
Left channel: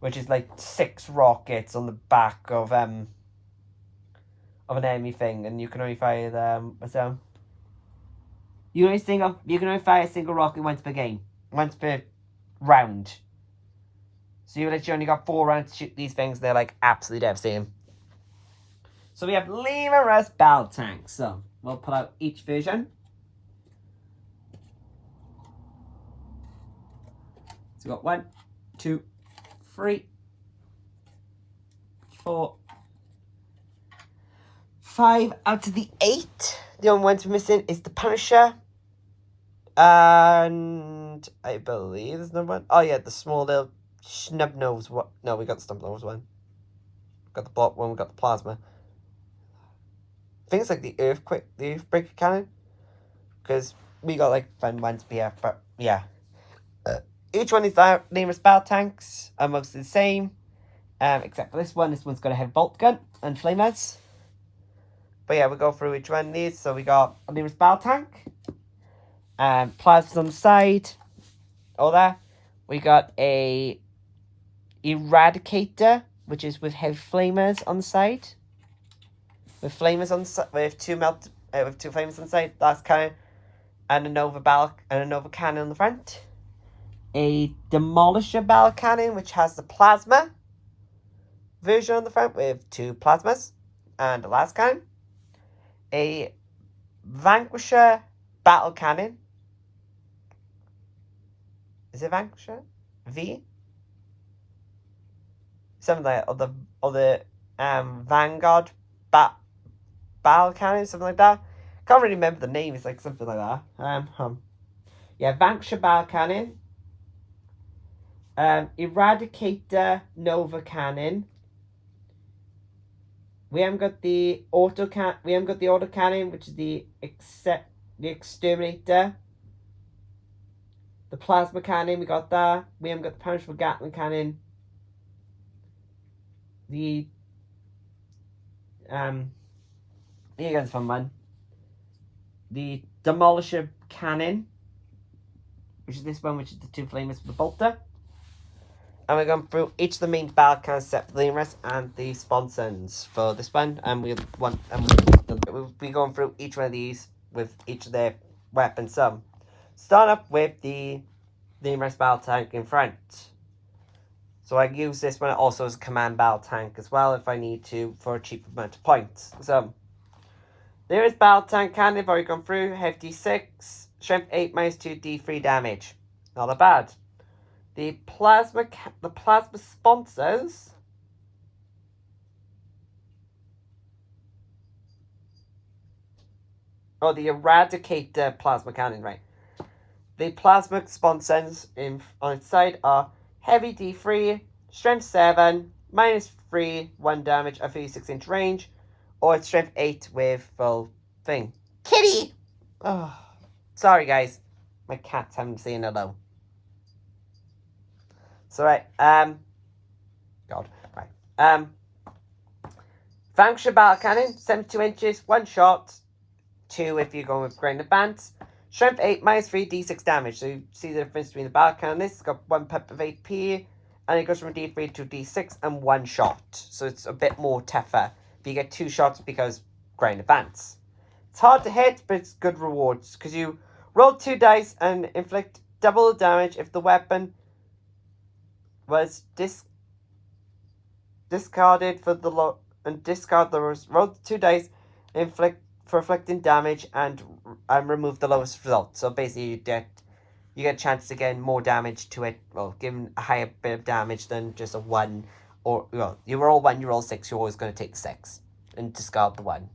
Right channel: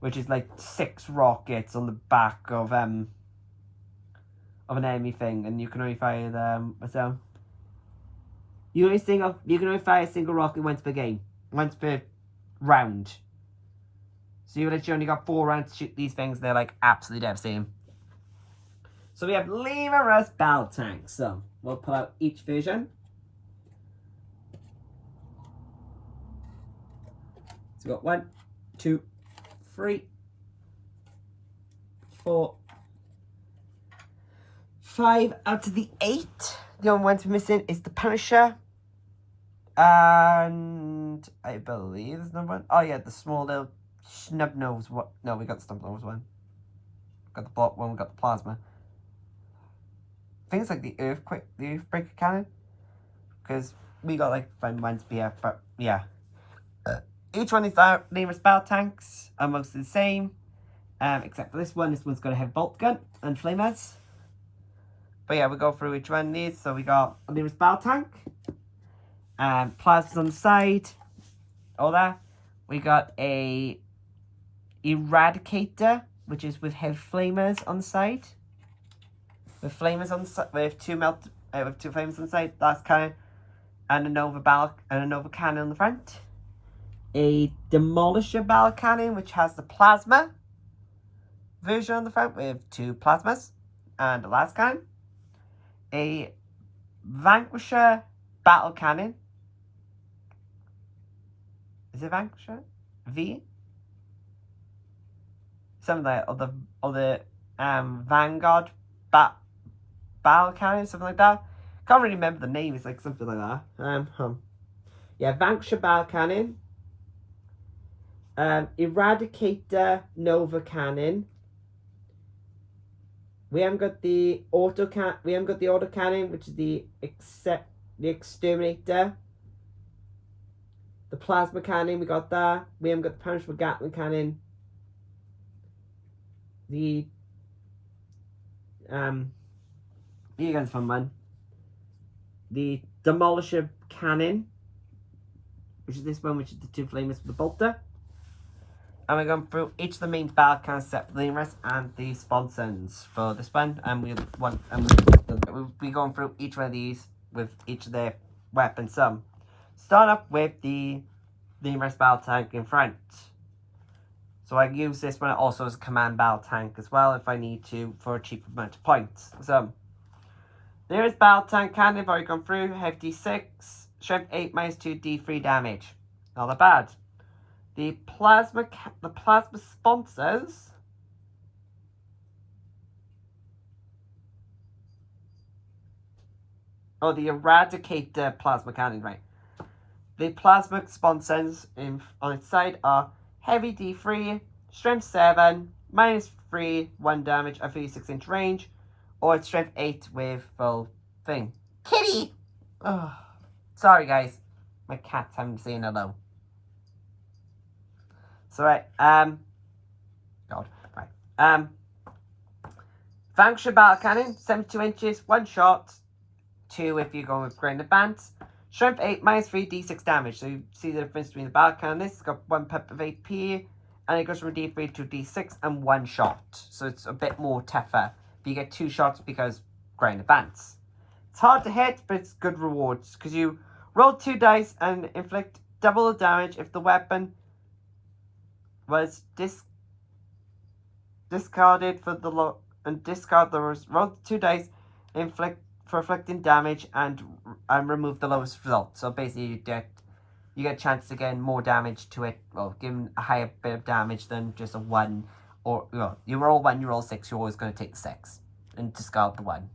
which is like 6 rockets on the back of an enemy thing, and you can only fire them. You can only fire a single rocket once per game, once per round. So you literally only got 4 rounds to shoot these things. They're like absolutely devastating. So we have Lemur's battle tanks. So we'll pull out each version. So we got 1, 2, 3, 4, 5 out of the 8. The only ones we're missing is the Punisher. And I believe there's another one. Oh yeah, the small little snub nose. What? No, we got the stump nose one. Got the block one. We got the plasma. I think it's like the earthbreaker cannon, because we got like fun ones here. But yeah, each one is Lemur's battle tanks are mostly the same, except for this one. This one's got a heavy bolt gun and flamers. But yeah, we'll go through each one of these. So we got a Lemur's battle tank. Plasmas on the side. All that. We got a Eradicator, which is with heavy flamers on the side. With flamers on the side, with two flamers on the side. That's cannon, and a Nova cannon on the front. A Demolisher battle cannon, which has the plasma version on the front with 2 plasmas and a last cannon. A Vanquisher battle cannon. Is it Vanquisher? V? Something like that. Or the Vanguard battle cannon, something like that. Can't really remember the name. It's like something like that. Yeah, Vanquisher battle cannon. Eradicator Nova cannon. We haven't got the auto cannon, which is the exterminator. The plasma cannon, we got that. We haven't got the punishable Gatling cannon. The here goes a fun one. The demolisher cannon, which is this one, which is the two flamers with the bolter. And we're going through each of the main battle cannons set for the rest and the sponsons for this one. And we'll be going through each one of these with each of their weapons. So, start off with the rest battle tank in front. So I can use this one also as a command battle tank as well if I need to for a cheap amount of points. So, there is battle tank cannon. I've already gone through. Hefty 6, strength 8, -2 D3 damage. Not that bad. The plasma sponsors. Oh, the Eradicator plasma cannon, right. The plasma sponsons on its side are heavy D3, strength 7, -3, 1 damage at 36-inch range, or it's strength 8 with full thing. Kitty! Oh, sorry guys. My cat's having to say hello. So right, God, right. Vanquisher battle cannon, 72 inches, 1 shot, 2 if you're going with ground advance. Strength 8, -3, D6 damage. So you see the difference between the battle cannon. This has got 1 pip of AP, and it goes from D3 to D6 and 1 shot. So it's a bit more tougher. But you get 2 shots because ground advance. It's hard to hit, but it's good rewards because you roll 2 dice and inflict double the damage if the weapon was discarded for the discard the roll 2 dice inflicting damage and remove the lowest result. So basically you get a chance to get more damage to it. Well, given a higher bit of damage than just a 1, or well, you roll 1, you roll 6, you're always going to take the 6 and discard the 1.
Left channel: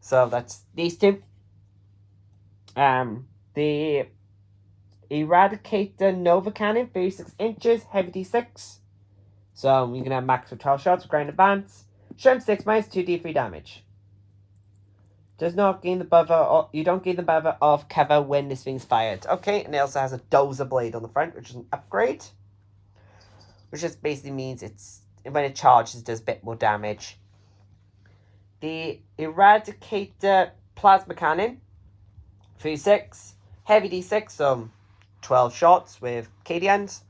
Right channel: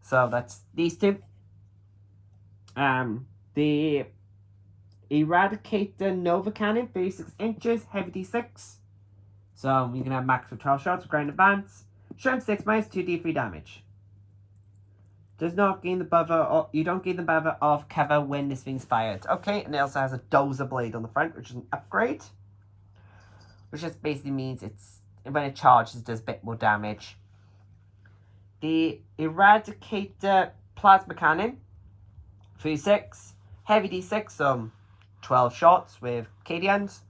So that's these two. The Eradicator Nova Cannon, 36 inches, heavy D6. So you can have max of 12 shots with ground advance. Strength 6, -2 D3 damage. Does not gain the buffer, you don't gain the buffer of cover when this thing's fired. Okay, and it also has a dozer blade on the front, which is an upgrade. Which just basically means when it charges, it does a bit more damage. The Eradicator Plasma Cannon, 36, heavy D6, so 12 shots with Cadians.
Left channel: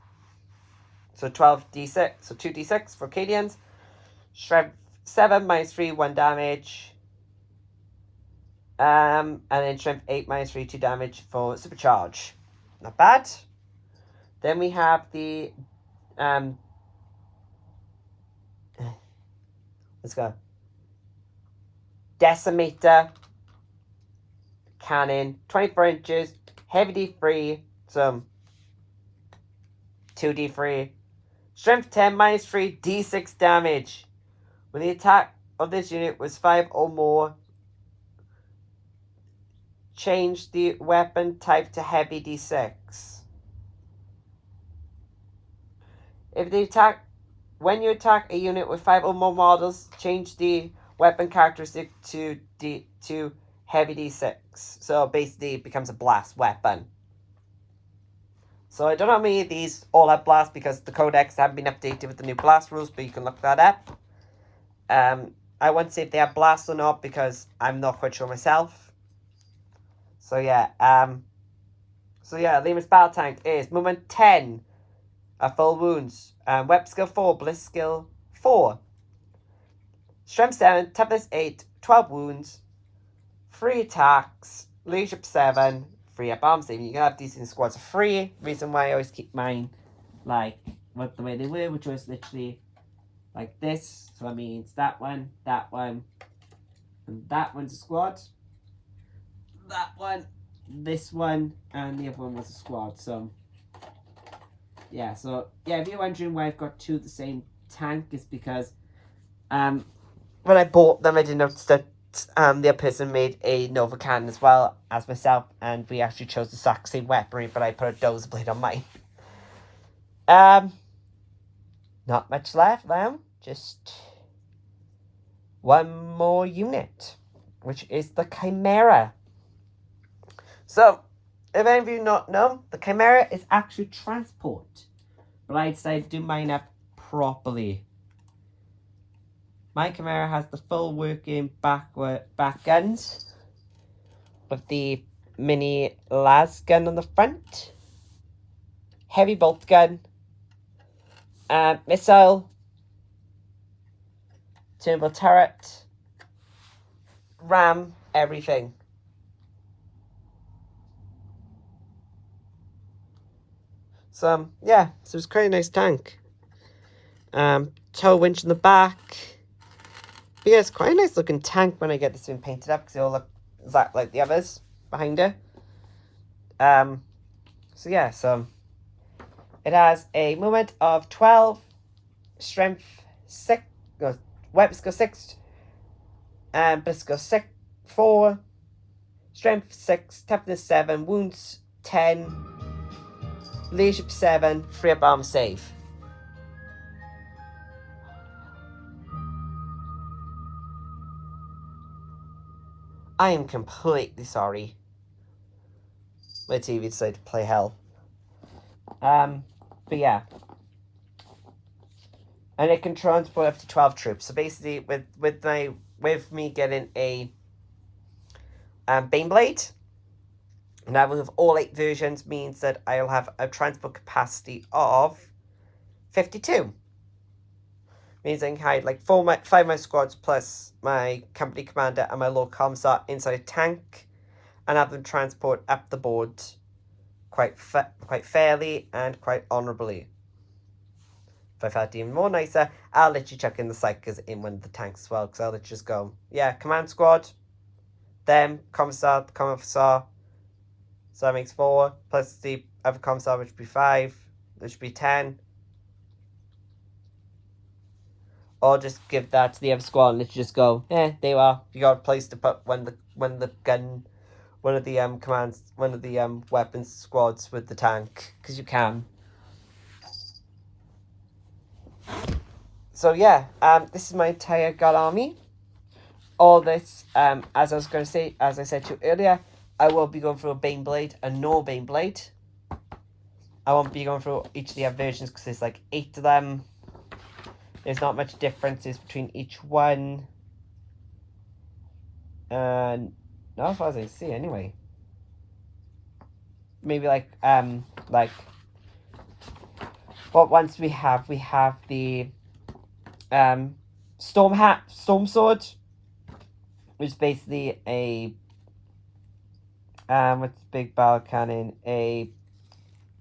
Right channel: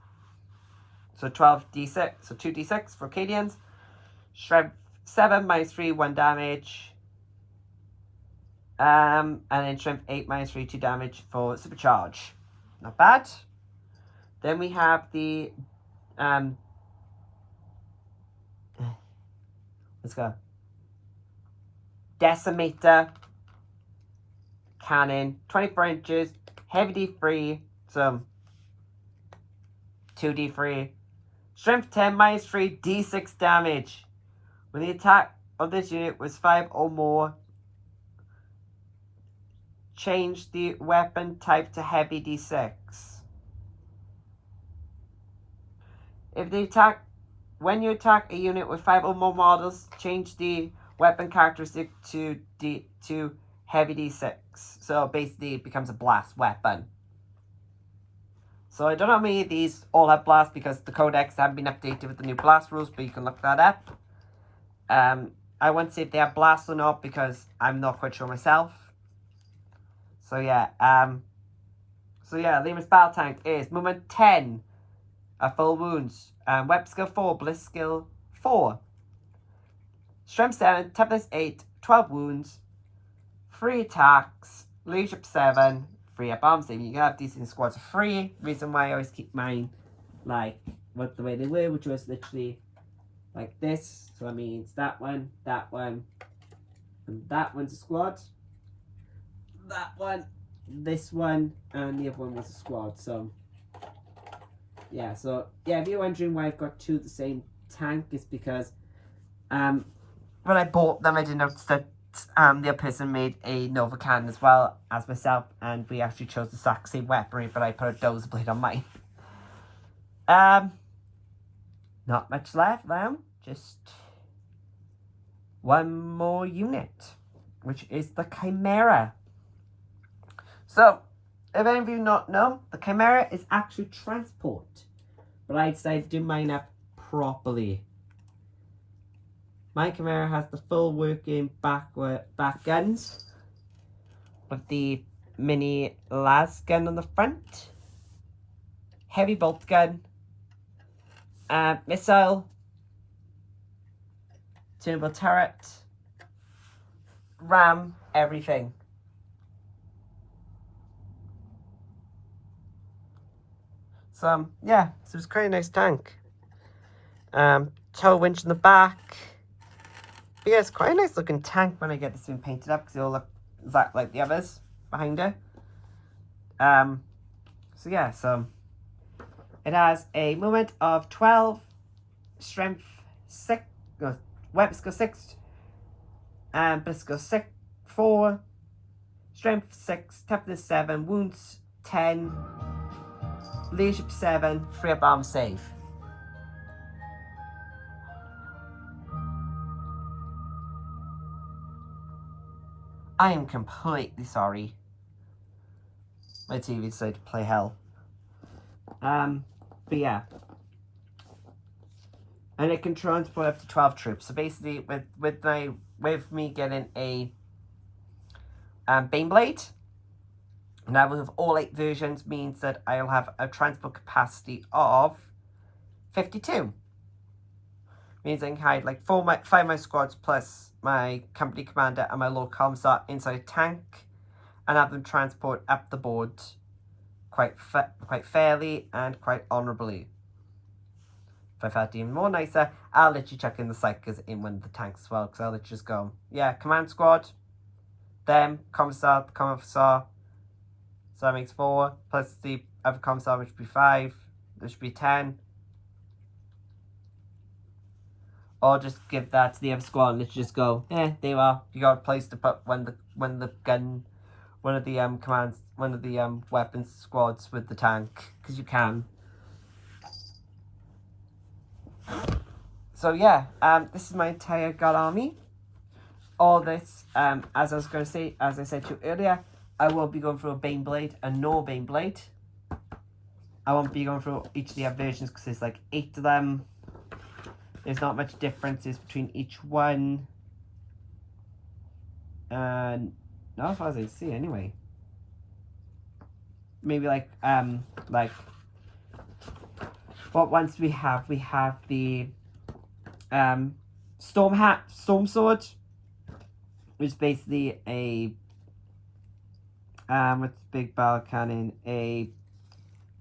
So 12 D6, so 2 D6 for Cadians. Strength 7, -3, 1 damage. And then strength 8, -3, 2 damage for supercharge. Not bad. Then we have the let's go. Decimator Cannon, 24 inches, heavy D3, so 2 D3. Strength 10, -3, D6 damage. When the attack of this unit was 5 or more, change the weapon type to heavy D6. When you attack a unit with 5 or more models, change the weapon characteristic to heavy D6. So basically it becomes a blast weapon. So I don't know how many of these all have blast because the codex haven't been updated with the new blast rules, but you can look that up. I won't say if they have blast or not because I'm not quite sure myself. So yeah, Lemur's battle tank is movement 10, full wounds, weapon skill 4, bliss skill 4, strength 7, toughness 8, 12 wounds, 3 attacks, leadership 7, 3 up arm saving. You can have these in squads of 3. Reason why I always keep mine like with the way they were, which was literally like this. So that means that one, and that one's a squad. That one, this one, and the other one was a squad. So yeah, if you're wondering why I've got 2 of the same tank, it's because when I bought them, I didn't notice that the other person made a Nova cannon as well as myself, and we actually chose the exact same weaponry, but I put a dozer blade on mine. Not much left now, just one more unit, which is the Chimera. So, if any of you not know, the Chimera is actually transport, but I decided to do mine up properly. My Chimera has the full working back guns with the mini las gun on the front, heavy bolt gun, missile, turbo turret, ram, everything. So yeah, so it's quite a nice tank. Tow winch in the back. But yeah, it's quite a nice looking tank when I get this thing painted up, because they all look exactly like the others behind it. So yeah, so it has a movement of 12, strength 6, no, weapon skill 6, but skill 6, 4, strength 6, toughness 7, wounds 10, leadership 7, 3 up arm save. I am completely sorry. My TV decided to play hell. But yeah. And it can transport up to 12 troops. So basically, with me getting a Baneblade, now with all 8 versions, means that I'll have a transport capacity of 52. Means I can hide like 5 of my squads plus my company commander and my Lord Commissar inside a tank, and have them transport up the board quite fairly and quite honourably. If I felt even more nicer, I'll let you chuck in the psychers in one of the tanks as well, because I'll let you just go, yeah, command squad, them, commissar, so that makes 4, plus the other commissar, which would be 5, which would be 10. Or just give that to the other squad and let you just go, there you are. You got a place to put one of the weapons squads with the tank, because you can. So yeah, this is my entire God army. All this, as I said to you earlier, I will be going through a Baneblade and no Baneblade. I won't be going through each of the other versions because there's like 8 of them. There's not much differences between each one. Not as far as I see anyway. Maybe like what ones we have the Storm Sword, which is basically a with big barrel cannon, a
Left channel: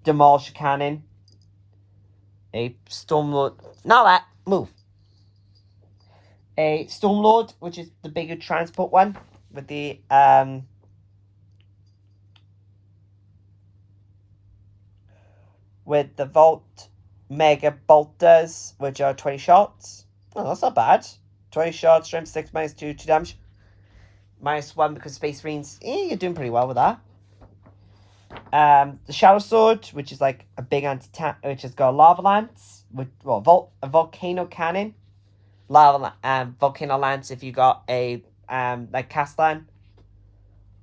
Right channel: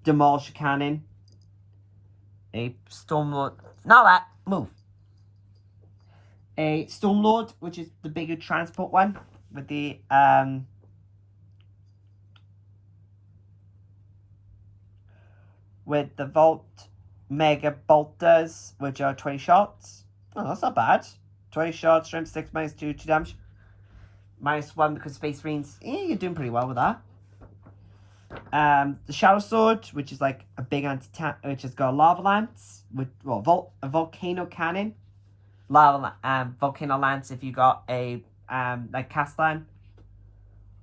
demolisher cannon, a Stormlord, not that, move. A Stormlord, which is the bigger transport one, with the Volt Mega Bolters, which are 20 shots. Oh, that's not bad. 20 shots, strength 6, minus 2 damage. Minus 1 because Space Marines, you're doing pretty well with that. The Shower Sword, which is like a big anti-tank, which has got a Lava Lance, with a Volcano Cannon. Volcano Lance if you got a like Castellan,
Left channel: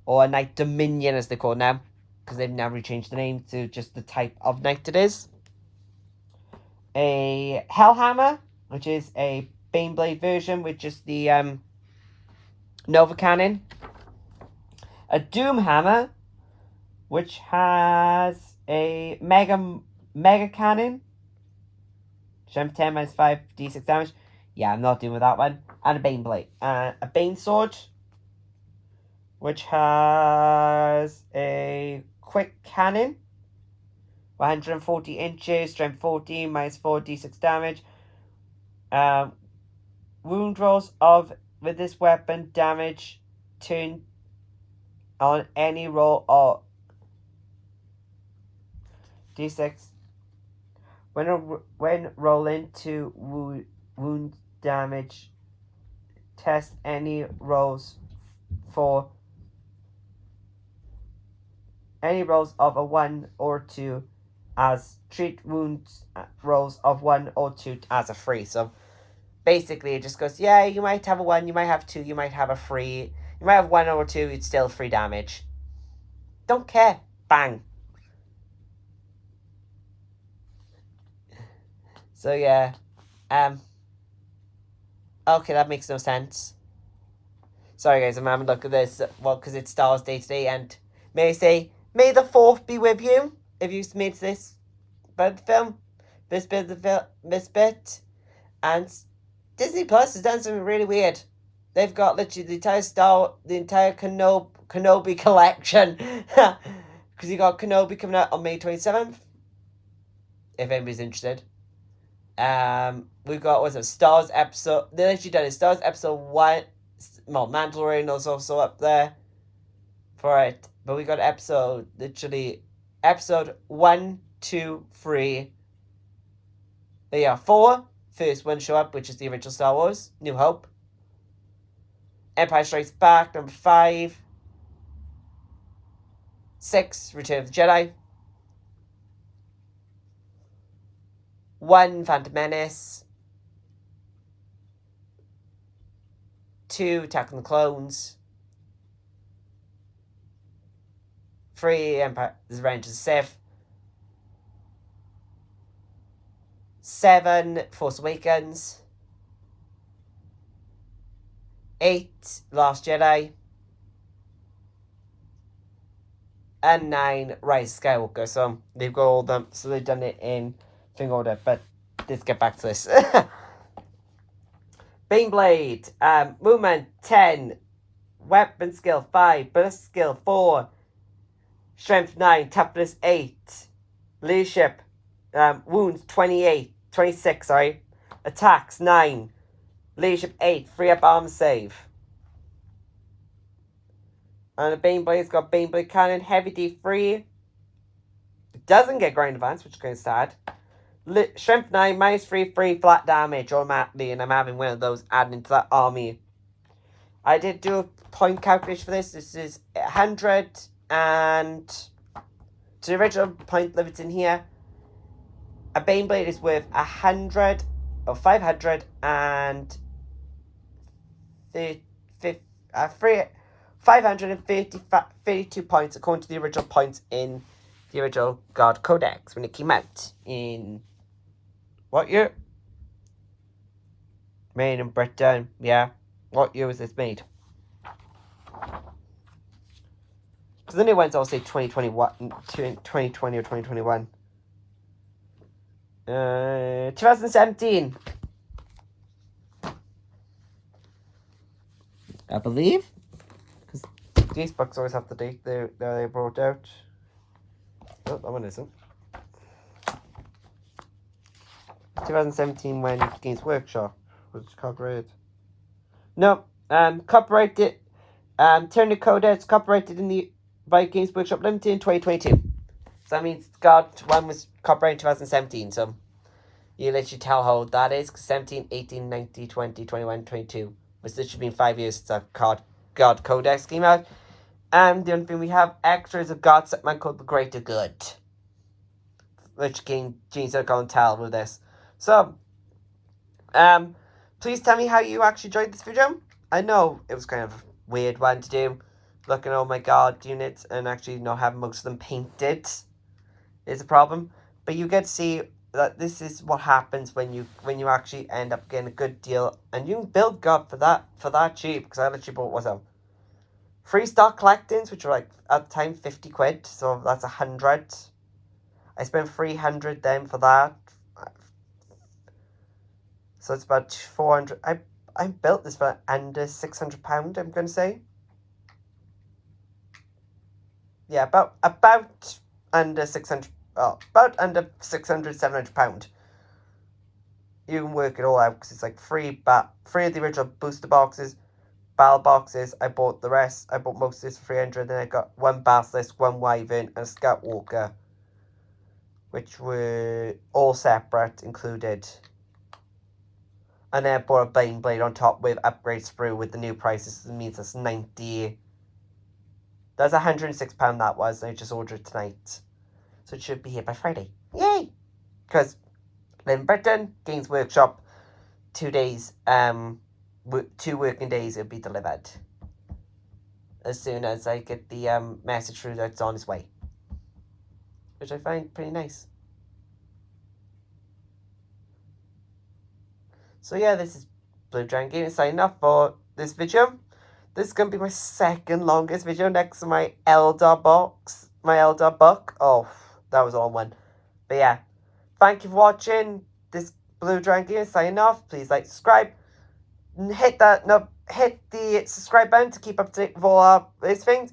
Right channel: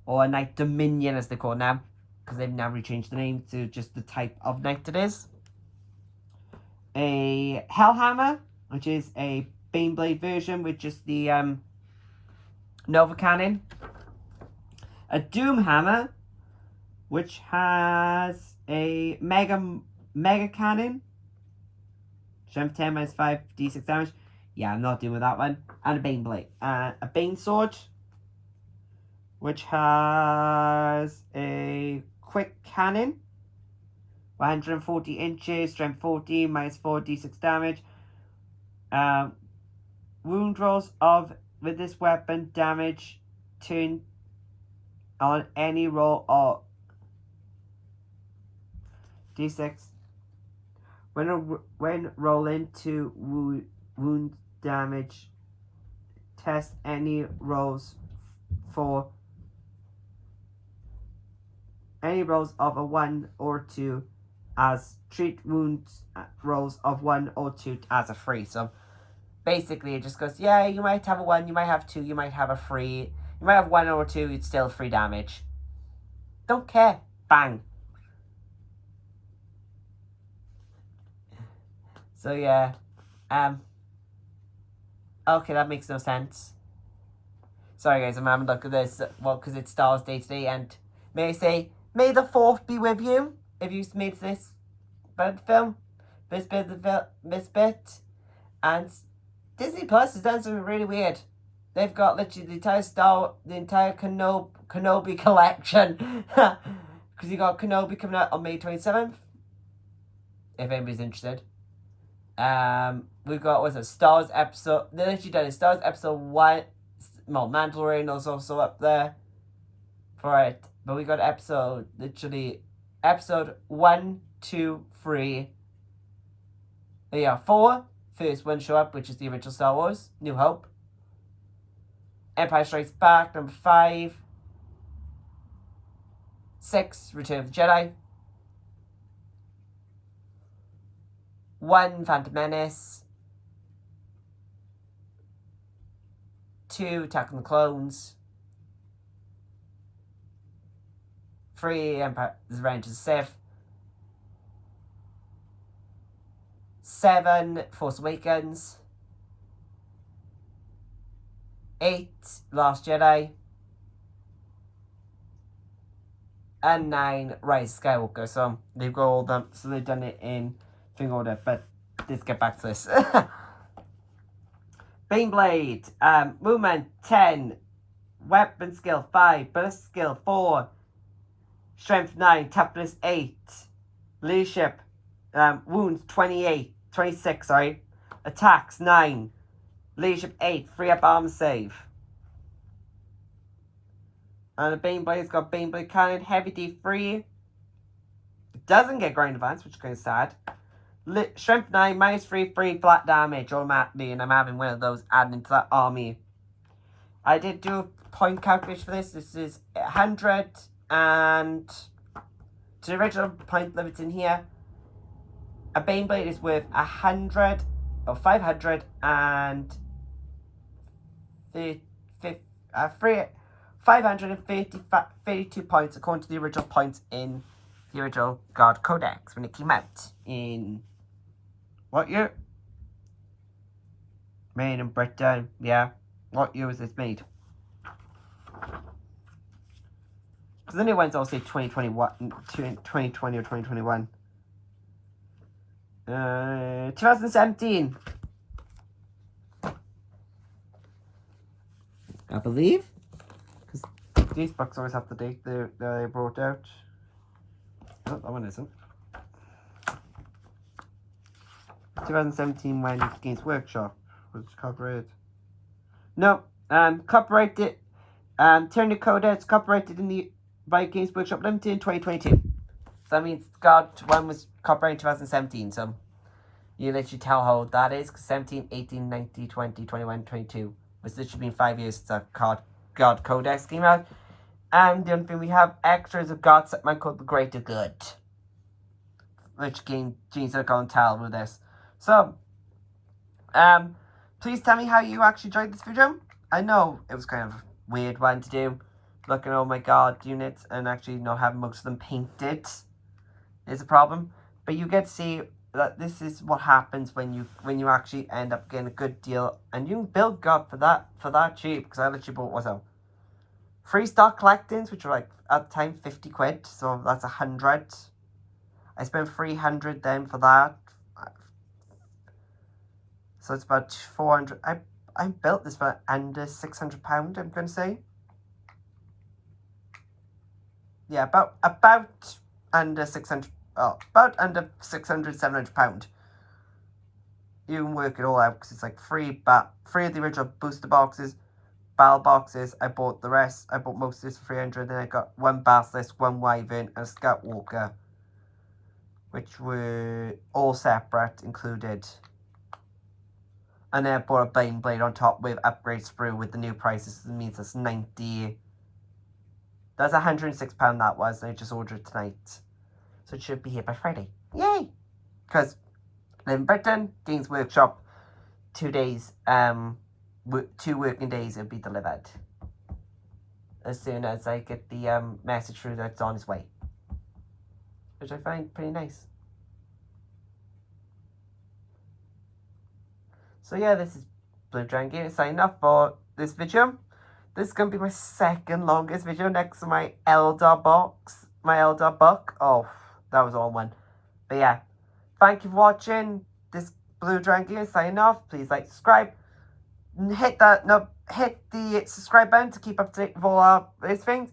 or a Knight Dominion as they call it now, because they've now changed the name to just the type of knight it is. A Hellhammer, which is a Baneblade version with just the Nova Cannon. A Doomhammer, which has a Mega Cannon. Strength 10 minus 5 d6 damage. Yeah, I'm not dealing with that one. And a Baneblade. A Bane Sword, which has a Quick Cannon. 140 inches, strength 14, minus 4 d6 damage. Wound rolls with this weapon damage turn on any roll of d6. When rolling to wound damage test any rolls for any rolls of a 1 or 2 as treat wounds rolls of 1 or 2 as a 3. So basically it just goes, yeah, you might have a 1, you might have 2, you might have a 3, you might have 1 or 2, it's still 3 damage. Don't care. Bang. So yeah. Okay, that makes no sense. Sorry guys, I'm having a look at this. Well, because it's Star Wars Day today, and may I say, may the 4th be with you if you made this film, this bit of this bit. And Disney Plus has done something really weird. They've got literally the entire Kenobi collection. Because you got Kenobi coming out on May 27th. If anybody's interested. We've got, what's it, Stars episode. They literally done it. Stars episode 1. Well, Mandalorian is also up there for it. But we got episode 1, 2, 3. There are 4. First one show up, which is the original Star Wars, New Hope. Empire Strikes Back, number 5. 6, Return of the Jedi. 1, Phantom Menace. 2, Attack of the Clones. 3, Empire, Revenge of the Sith. 7, Force Awakens. 8, Last Jedi. And 9, Rise of Skywalker. So they've got all them. So they've done it in thing order. But let's get back to this. Baneblade. Movement 10. Weapon skill 5. Burst skill 4. Strength 9. Toughness 8. Leadership. Wounds 26, sorry. Attacks 9. Leadership 8. Free up arm save. And the Baneblade's got Baneblade Cannon, Heavy D3. It doesn't get Ground Advance, which is kind of sad. Strength 9, -3, free flat damage automatically, and I'm having one of those added into that army. I did do a point calculation for this. This is 100 and... to the original point limits in here. A Baneblade is worth 100 or 500 and 532 points according to the original points in the original God Codex when it came out in what year? Made in Britain, yeah. What year was this made? Because the new ones all say 2021, 2020 or 2021. 2017. I believe. Because these books always have the date they brought out. Oh, that one isn't. 2017 when Games Workshop was copyrighted. No, copyrighted. Turn the Codex copyrighted by Games Workshop Limited in 2022. So that means God one was copyrighted in 2017. So you literally tell how old that is. 17, 18, 19, 20, 21, 22. Which this should be 5 years since that God Codex came out. And the only thing we have extra is a God segment called The Greater Good. Which King Gene's gonna tell with this. So, please tell me how you actually enjoyed this video. I know it was kind of a weird one to do. Looking at all my God units and actually not having most of them painted is a problem. But you get to see that this is what happens when you actually end up getting a good deal, and you can build God for that cheap. Because I literally bought, what's that? 3 stock collectings, which are like at the time 50 quid, so that's 100. I spent 300 then for that, so it's about 400. I built this for under £600. I'm gonna say, yeah, about under 600. Oh, about under £600-700. You can work it all out because it's like 3 of the original booster boxes, battle boxes. I bought the rest. I bought most of this for 300. Then I got 1 Basilisk, 1 Wyvern, and a Scout Walker, which were all separate, included And then I bought a Bane Blade on top with upgrade sprue with the new prices. It means that's 90. That's £106 that was. And I just ordered it tonight. So it should be here by Friday. Yay! Because live in Britain, Games Workshop, 2 days, 2 working days it'll be delivered. As soon as I get the message through that it's on its way. Which I find pretty nice. So yeah, this is Blue Dragon Gaming signing off for this video. This is going to be my second longest video next to my Eldar box. My Eldar book. Oh, that was all one. But yeah, thank you for watching this Blue Dragon Gaming signing off. Please like, subscribe. Hit the subscribe button to keep up to date with all our these things.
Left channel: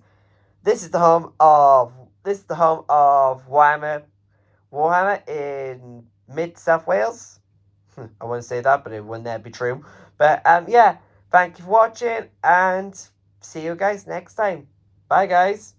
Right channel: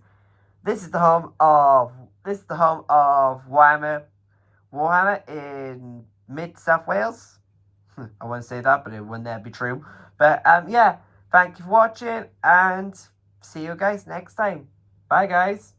This is the home of Warhammer in mid South Wales. I wouldn't say that, but it wouldn't be true. But yeah, thank you for watching and see you guys next time. Bye guys.